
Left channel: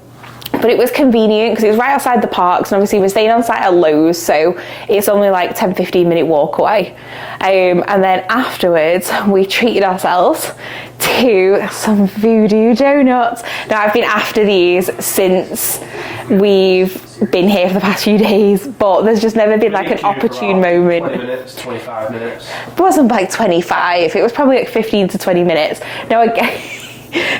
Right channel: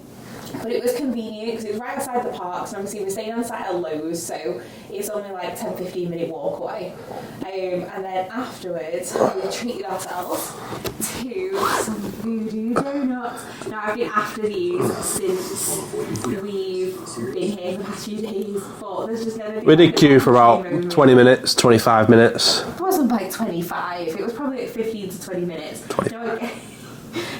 But it was convenient because it was right outside the parks, and obviously we're staying on site at Lowe's, so it's only like 10-15 minute walk away. And then afterwards we treated ourselves to some Voodoo donuts. Now I've been after these since we've been here for the past few days, but there's just never been like an opportune moment. 20 minutes, 25 minutes. It wasn't like 25, it was probably like 15 to 20 minutes. No,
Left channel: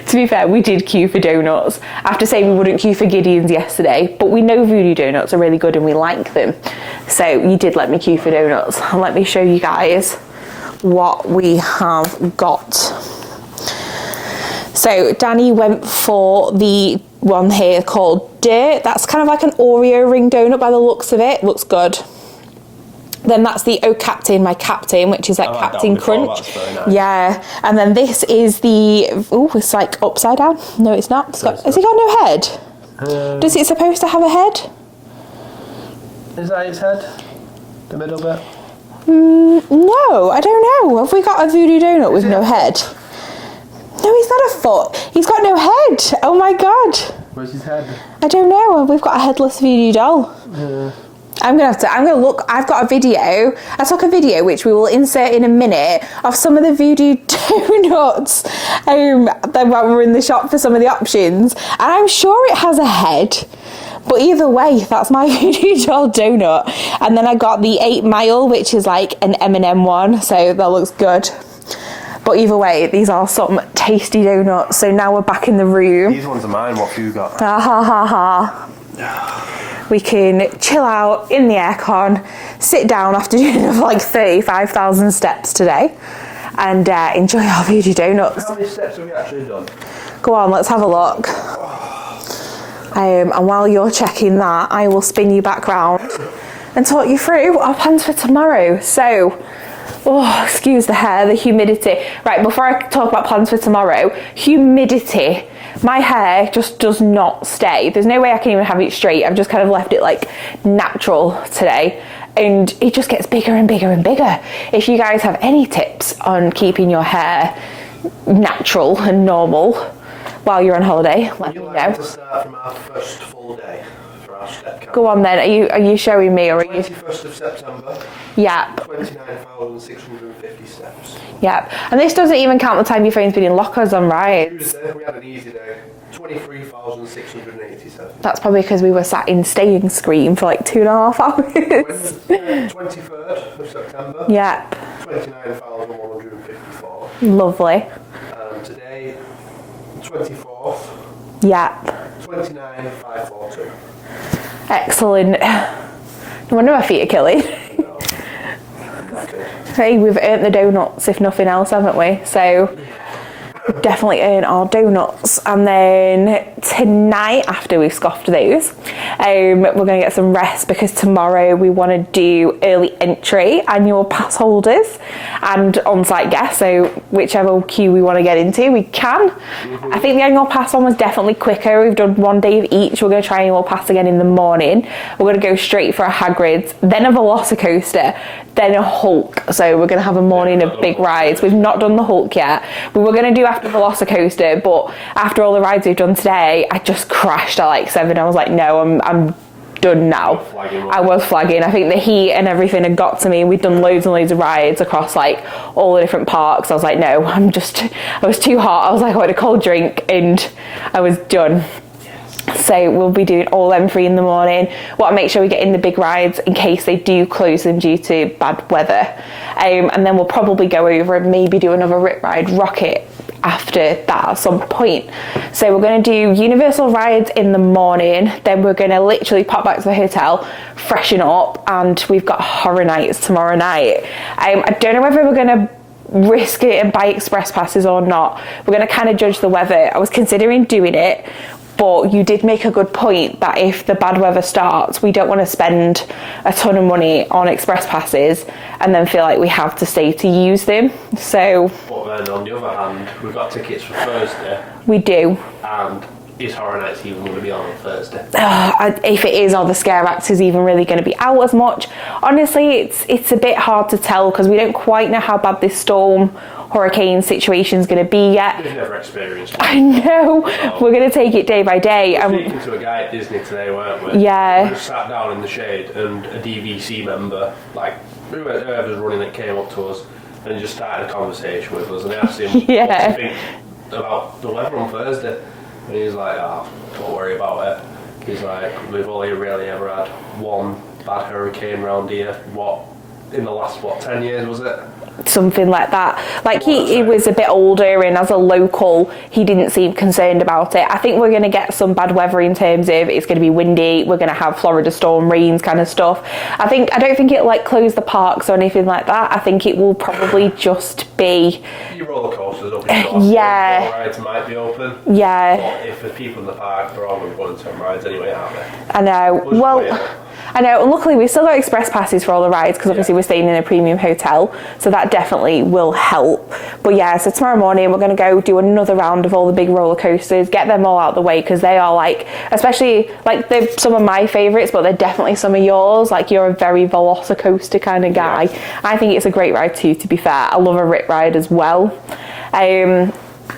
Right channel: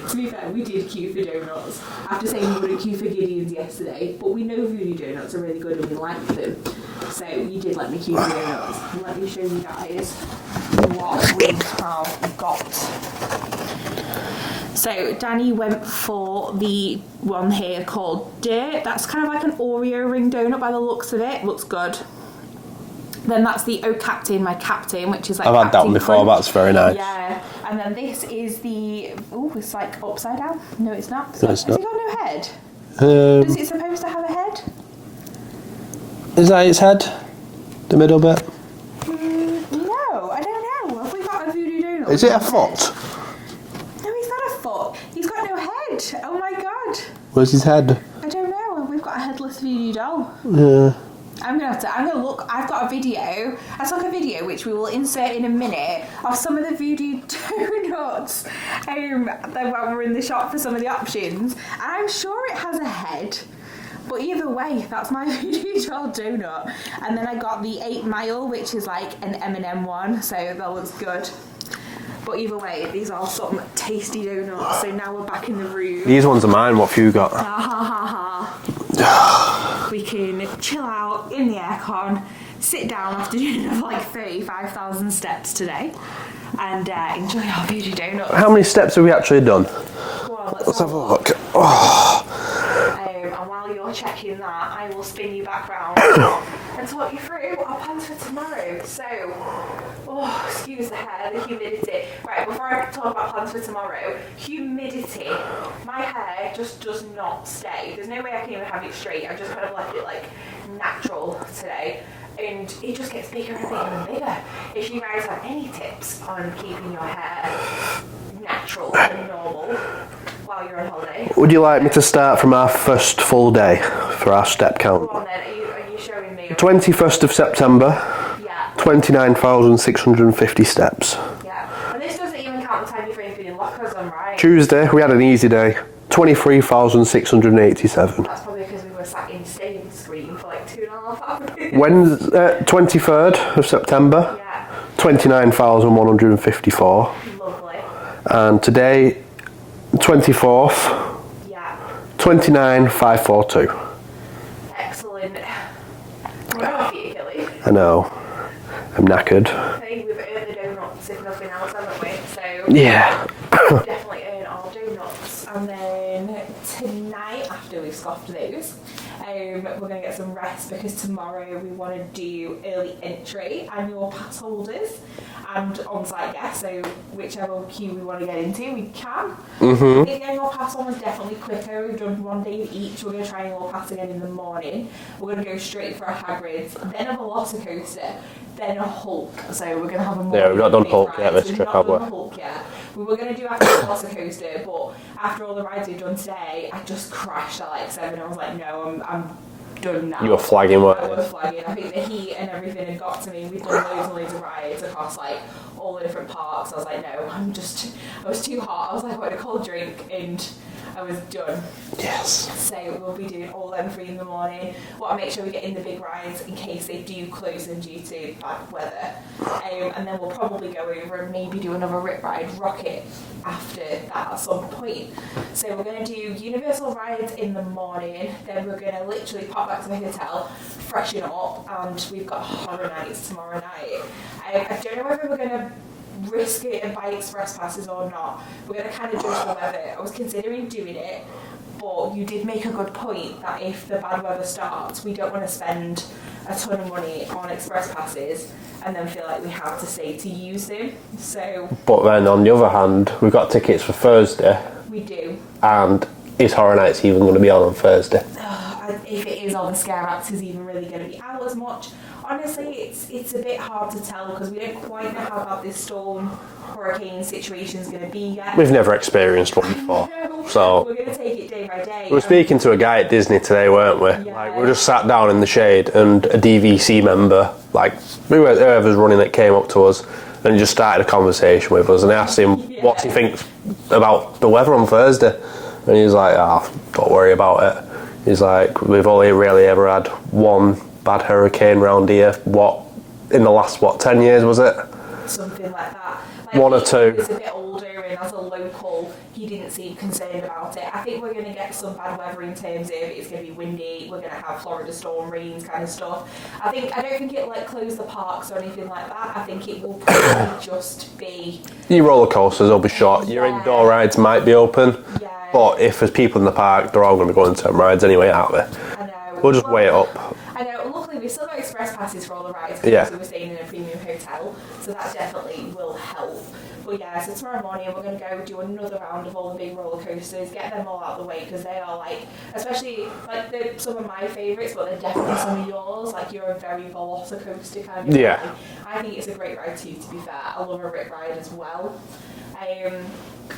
To be fair, we did queue for donuts. I have to say we wouldn't queue for Gideon's yesterday, but we know Voodoo donuts are really good and we like them. So you did let me queue for donuts. And let me show you guys what we have got. So Danny went for the one here called Dirt. That's kind of like an Oreo ring donut by the looks of it. Looks good. Then that's the Oh Captain, my Captain, which is like I've Captain had that before, Crunch. that's very nice. Yeah, and then this is the, oh, it's like upside down. No, it's not. Has it got no head? Does it supposed to have a head? Is that its head? The middle bit? No, I don't know. Have we got a Voodoo donut with it no a head? foot? No, he's not a foot. He's got no head. Oh my god. Where's his head? I don't know. We've got a headless Voodoo doll. Yeah. I'm gonna look. I've got a video. I took a video which we will insert in a minute of some of the Voodoo donuts. Then when we're in the shop for some of the options, and I'm sure it has a head. But either way, that's my Voodoo doll donut. And then I got the 8 Mile, which is like an M&M one, so that looks good. But either way, these are some tasty donuts. So now we're back in the room. These ones are mine. What have you got? Ha ha ha. We can chill out in the aircon, sit down after doing like 35,000 steps today, and enjoy our Voodoo donuts. How many steps have we actually done? Go on, let's have a look. And while you're checking that, I will spin you back round and talk you through our plans for tomorrow. So, oh, excuse the hair, the humidity. Right, before I talk about plans for tomorrow, humidity. My hair just does not stay. There's no way I can even have it straight. I've just kind of left it like natural today. And it just gets bigger and bigger and bigger. If you guys have any tips on keeping your hair natural and normal while you're on holiday, Would you like me to start from our first full day for our step count? Go on then. Are you showing me? Or 21st of September. Yeah. 29,650 steps. Yeah. And this doesn't even count the time your phone's been in lockers on, right? Tuesday, we had an easy day. 23,687. That's probably because we were sat in staying screen for like 2.5 hours. Wednesday, 23rd of September. Yeah. 29,154. Lovely. And today, 24th. Yeah. 29,542. Excellent. I wonder my feet are killing. I know. I'm knackered. Hey, we've earned the donuts if nothing else, haven't we? So yeah. Definitely earn our donuts. And then tonight, after we've scoffed those, we're going to get some rest because tomorrow we want to do early entry annual pass holders and on-site guests. So whichever queue we want to get into, we can. I think the annual pass one was definitely quicker. We've done 1 day of each. We're going to try annual pass again in the morning. We're going to go straight for a Hagrid's, then a Velocicoaster, then a Hulk. So we're going to have a morning of big rides. We've not done the Hulk yet. We were going to do after the Velocicoaster, but after all the rides we've done today, I just crashed at like 7. I was like, no, I'm done now. You were flagging, weren't you? I was flagging. I think the heat and everything had got to me. We'd done loads and loads of rides across like all the different parks. I was like, no, I was too hot. I was like, I want a cold drink, and I was done. Yes. So we'll be doing all them 3 in the morning. Want to make sure we get in the big rides in case they do close them due to bad weather. And then we'll probably go over and maybe do another Rip Ride Rocket after that at some point. So we're going to do Universal rides in the morning, then we're going to literally pop back to the hotel, freshen up, and we've got Horror Nights tomorrow night. I don't know whether we're going to risk it and buy express passes or not. We're going to kind of judge the weather. I was considering doing it, but you did make a good point that if the bad weather starts, we don't want to spend a ton of money on express passes and then feel like we have to stay to use them. So, but then on the other hand, we've got tickets for Thursday. We do. And is Horror Nights even going to be on Thursday? If it is, are the scare actors even really going to be out as much? Honestly, it's a bit hard to tell because we don't quite know how bad this hurricane situation is going to be yet. We've never experienced one. I know. So we're going to take it day by day. We're speaking to a guy at Disney today, weren't we? Yeah. We just sat down in the shade and a DVC member, like whoever's running it, came up to us and just started a conversation with us, and I asked him what he thinks about the weather on Thursday, and he was like, don't worry about it. He's like, we've only really ever had one bad hurricane round here. In the last 10 years was it? something like that. Like One or he two. was a bit older, and as a local, he didn't seem concerned about it. I think we're going to get some bad weather in terms of it's going to be windy. We're going to have Florida storm rains kind of stuff. I don't think it'll like close the parks or anything like that. I think it will probably just be Your roller coasters will be short. Yeah. Your indoor rides might be open. Yeah. But if there's people in the park, they're all going to be going to them rides anyway, aren't they? I know. We'll just Well, weigh it up. I know, and luckily we've still got express passes for all the rides because obviously we're staying in a premium hotel, so that definitely will help. But yeah, so tomorrow morning we're going to go do another round of all the big roller coasters, get them all out of the way because they are like, especially like they're some of my favourites, but they're definitely some of yours. Like you're a very Velocicoaster kind of guy. Yeah. I think it's a great ride too, to be fair. I love a rip ride as well.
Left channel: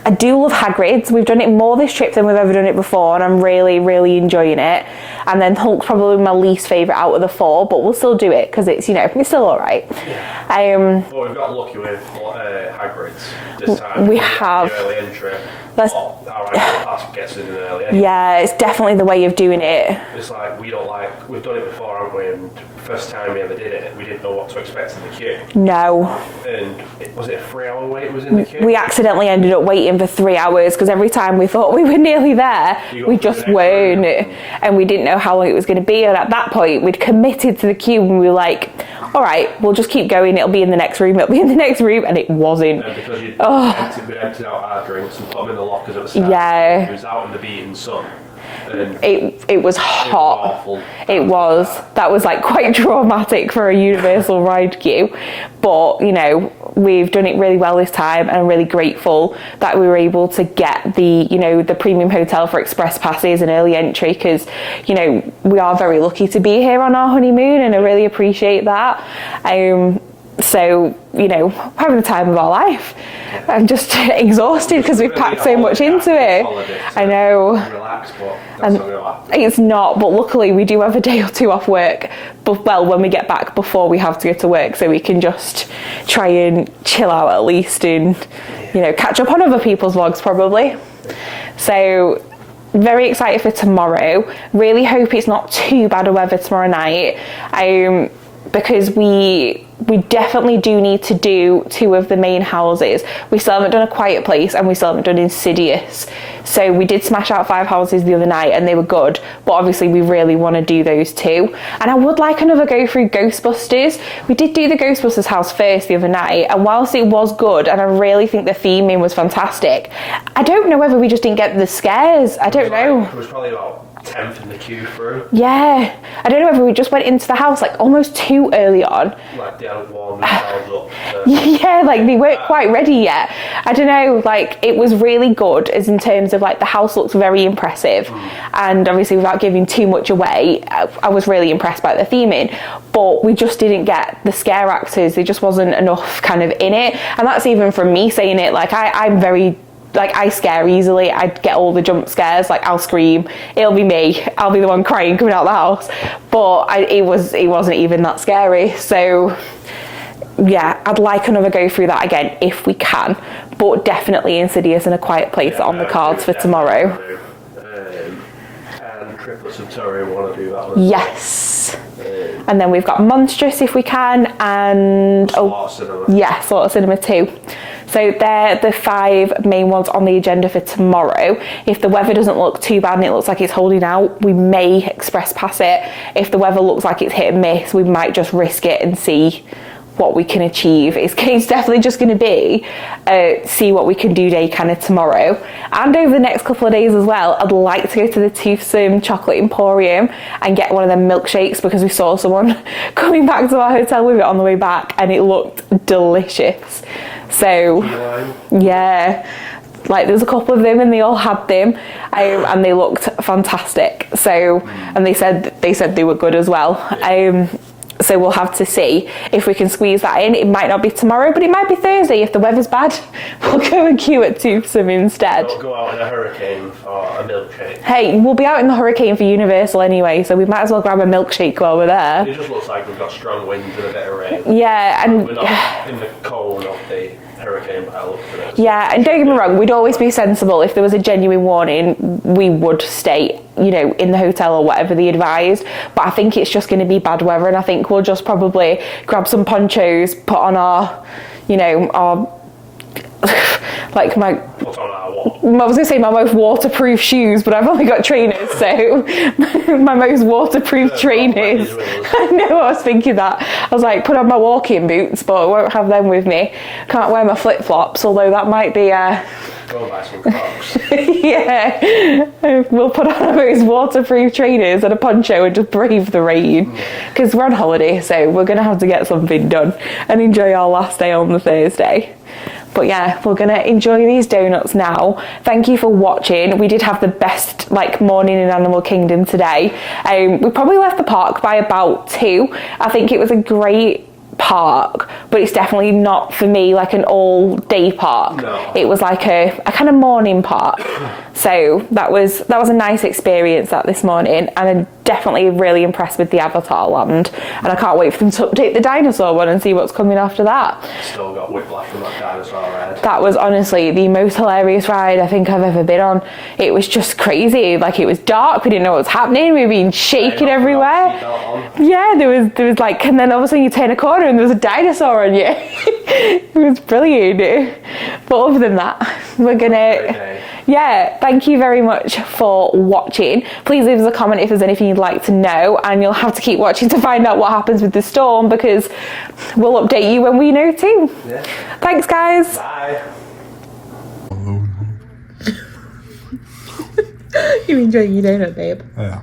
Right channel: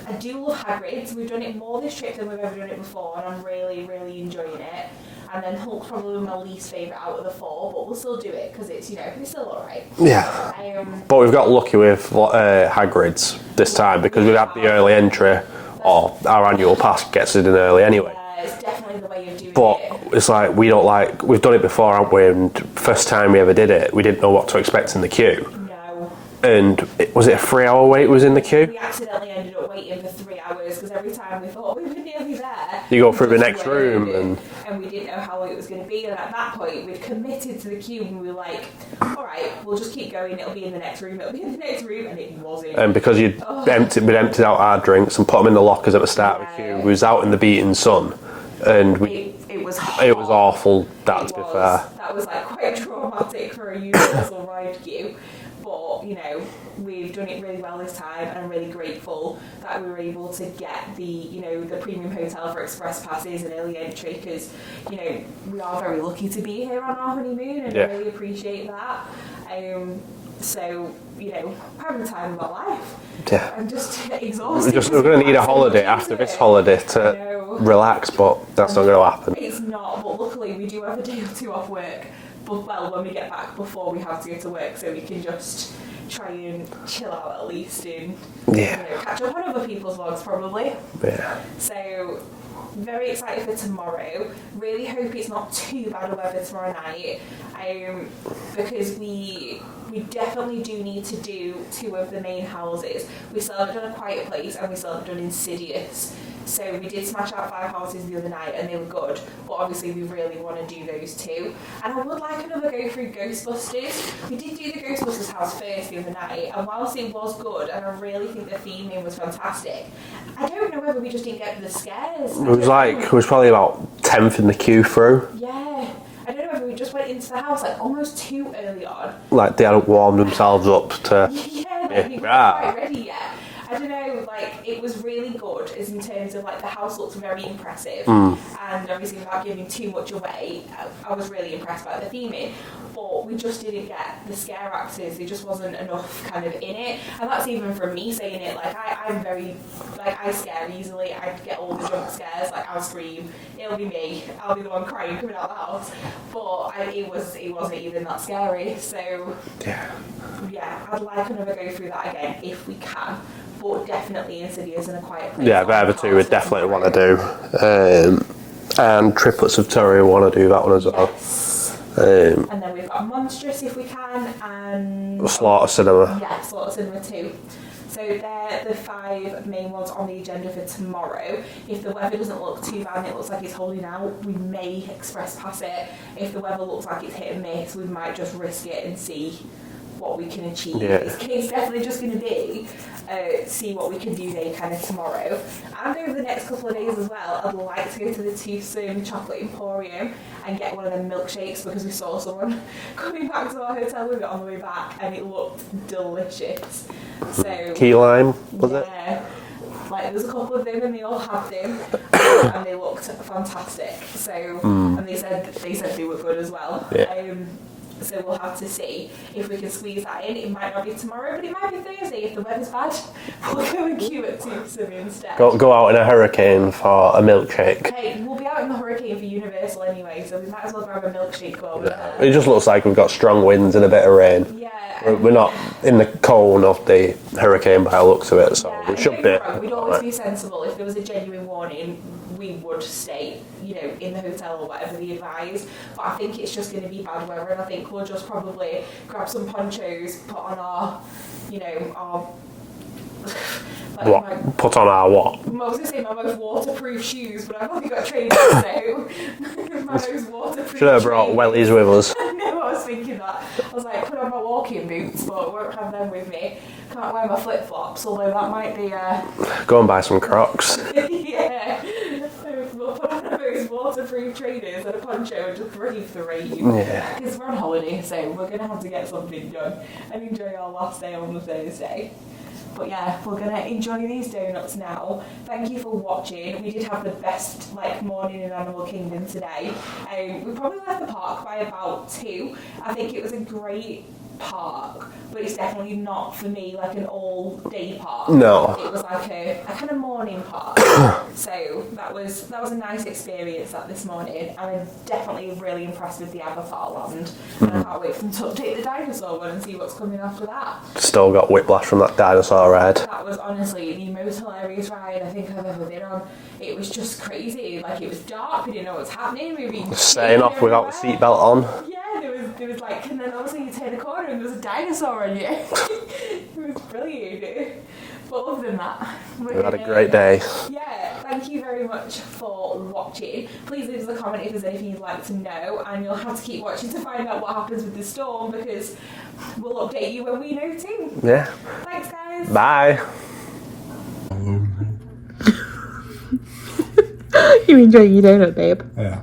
I do love Hagrid's. We've done it more this trip than we've ever done it before, and I'm really, really enjoying it. And then Hulk's probably my least favourite out of the four, but we'll still do it because it's, you know, it's still all right. Yeah. But we've got lucky with Hagrid's this time because we have the early entry. Or our annual pass gets it in early anyway. Yeah, it's definitely the way of doing it. It's like we've done it before, haven't we? And first time we ever did it, we didn't know what to expect in the queue. No. And was it a 3 hour wait was in the queue? We accidentally ended up waiting for 3 hours because every time we thought we were nearly there, You go we through the just next weren't. room. And we didn't know how long it was going to be. And at that point, we'd committed to the queue and we were like, all right, we'll just keep going. It'll be in the next room. It'll be in the next room. And it wasn't. And because we'd emptied out our drinks and put them in the lockers at the start, Yeah. we was out in the beating sun. And it was hot. It was awful. That was like quite traumatic for a Universal ride queue. But, you know, we've done it really well this time, and I'm really grateful that we were able to get the premium hotel for express passes and early entry because, you know, we are very lucky to be here on our honeymoon, and I really appreciate that. So, you know, having the time of our life. Yeah. I'm just exhausted because we've packed so much into it. I know. Relax, but that's not going to happen. It's not, but luckily we do have a day or two off work. But when we get back before we have to go to work, so we can just try and chill out at least and you know, catch up on other people's vlogs probably. Yeah. So very excited for tomorrow. Really hope it's not too bad of weather tomorrow night. Because we definitely do need to do 2 of the main houses. We still haven't done A Quiet Place and we still haven't done Insidious. So we did smash out 5 houses the other night and they were good, but obviously we really want to do those 2. And I would like another go through Ghostbusters. We did do the Ghostbusters house first the other night, and whilst it was good and I really think the theming was fantastic, I don't know whether we just didn't get the scares. I don't know. It was probably about 10th in the queue through. Yeah. I don't know whether we just went into the house like almost too early on. Like they hadn't warmed themselves up to... Yeah, like they weren't quite ready yet. I don't know, like it was really good as in terms of like the house looks very impressive. And obviously without giving too much away, I was really impressed by the theming. But we just didn't get the scare actors. There just wasn't enough kind of in it. And that's even from me saying it. Like I'm very... Like I scare easily. I get all the jump scares. Like I'll scream. It'll be me. I'll be the one crying coming out of the house. But it wasn't even that scary. So yeah, I'd like another go through that again if we can. But definitely Insidious and A Quiet Place on the cards for tomorrow. And Triplets of Terror, we want to do that one as well. Yes. And then we've got Monstrous if we can, and Slaughter Cinema. Yeah, Slaughter Cinema 2. So they're the 5 main ones on the agenda for tomorrow. If the weather doesn't look too bad and it looks like it's holding out, we may express pass it. If the weather looks like it's hit and miss, we might just risk it and see what we can achieve. It's definitely just going to be see what we can do day kind of tomorrow. And over the next couple of days as well, I'd like to go to the Toothsome Chocolate Emporium and get one of them milkshakes because we saw someone coming back to our hotel with it on the way back and it looked delicious. So Key lime. Yeah. Like there's a couple of them and they all had them and they looked fantastic. So and they said they were good as well. So we'll have to see if we can squeeze that in. It might not be tomorrow, but it might be Thursday. If the weather's bad, we'll go and queue at Toothsome instead. Don't go out in a hurricane for a milkshake. Hey, we'll be out in the hurricane for Universal anyway, so we might as well grab a milkshake while we're there. It just looks like we've got strong winds and a bit of rain. Yeah, and we're not in the cone of the hurricane by the looks of it. So yeah, and don't get me wrong, we'd always be sensible. If there was a genuine warning, we would stay, you know, in the hotel or whatever they advised. But I think it's just going to be bad weather, and I think we'll just probably grab some ponchos, put on our, you know, our like What? my Put on our what? I was going to say my most waterproof shoes, but I've only got trainers, so my most waterproof trainers. Wellies with us. I know, I was thinking that. I was like, put on my walking boots, but I won't have them with me. Can't wear my flip-flops, although that might be... Go and buy some Crocs. yeah. We'll put on our most waterproof trainers and a poncho and just brave the rain. Because we're on holiday, so we're going to have to get something done and enjoy our last day on the Thursday. But yeah, we're gonna enjoy these donuts now. Thank you for watching. We did have the best morning in Animal Kingdom today. We probably left the park by about 2. I think it was a great park, but it's definitely not for me like an all day park. No. It was like a kind of morning park. So that was a nice experience this morning, and I'm definitely really impressed with the Avatar land, and I can't wait for them to update the Dinosaur one and see what's coming after that. Still got whiplash from that dinosaur ride. That was honestly the most hilarious ride I think I've ever been on. It was just crazy. Like, it was dark, we didn't know what was happening, we were being shaken everywhere. Seatbelt on. Yeah, there was like, and then all of a sudden you turn a corner and there was a dinosaur on you. It was brilliant. But other than that, we're gonna... Great day. Yeah, thank you very much for watching. Please leave us a comment if there's anything you'd like to know, and you'll have to keep watching to find out what happens with the storm, because we'll update you when we know too. Yeah. Thanks, guys. Bye. You enjoy your donut, babe? Yeah.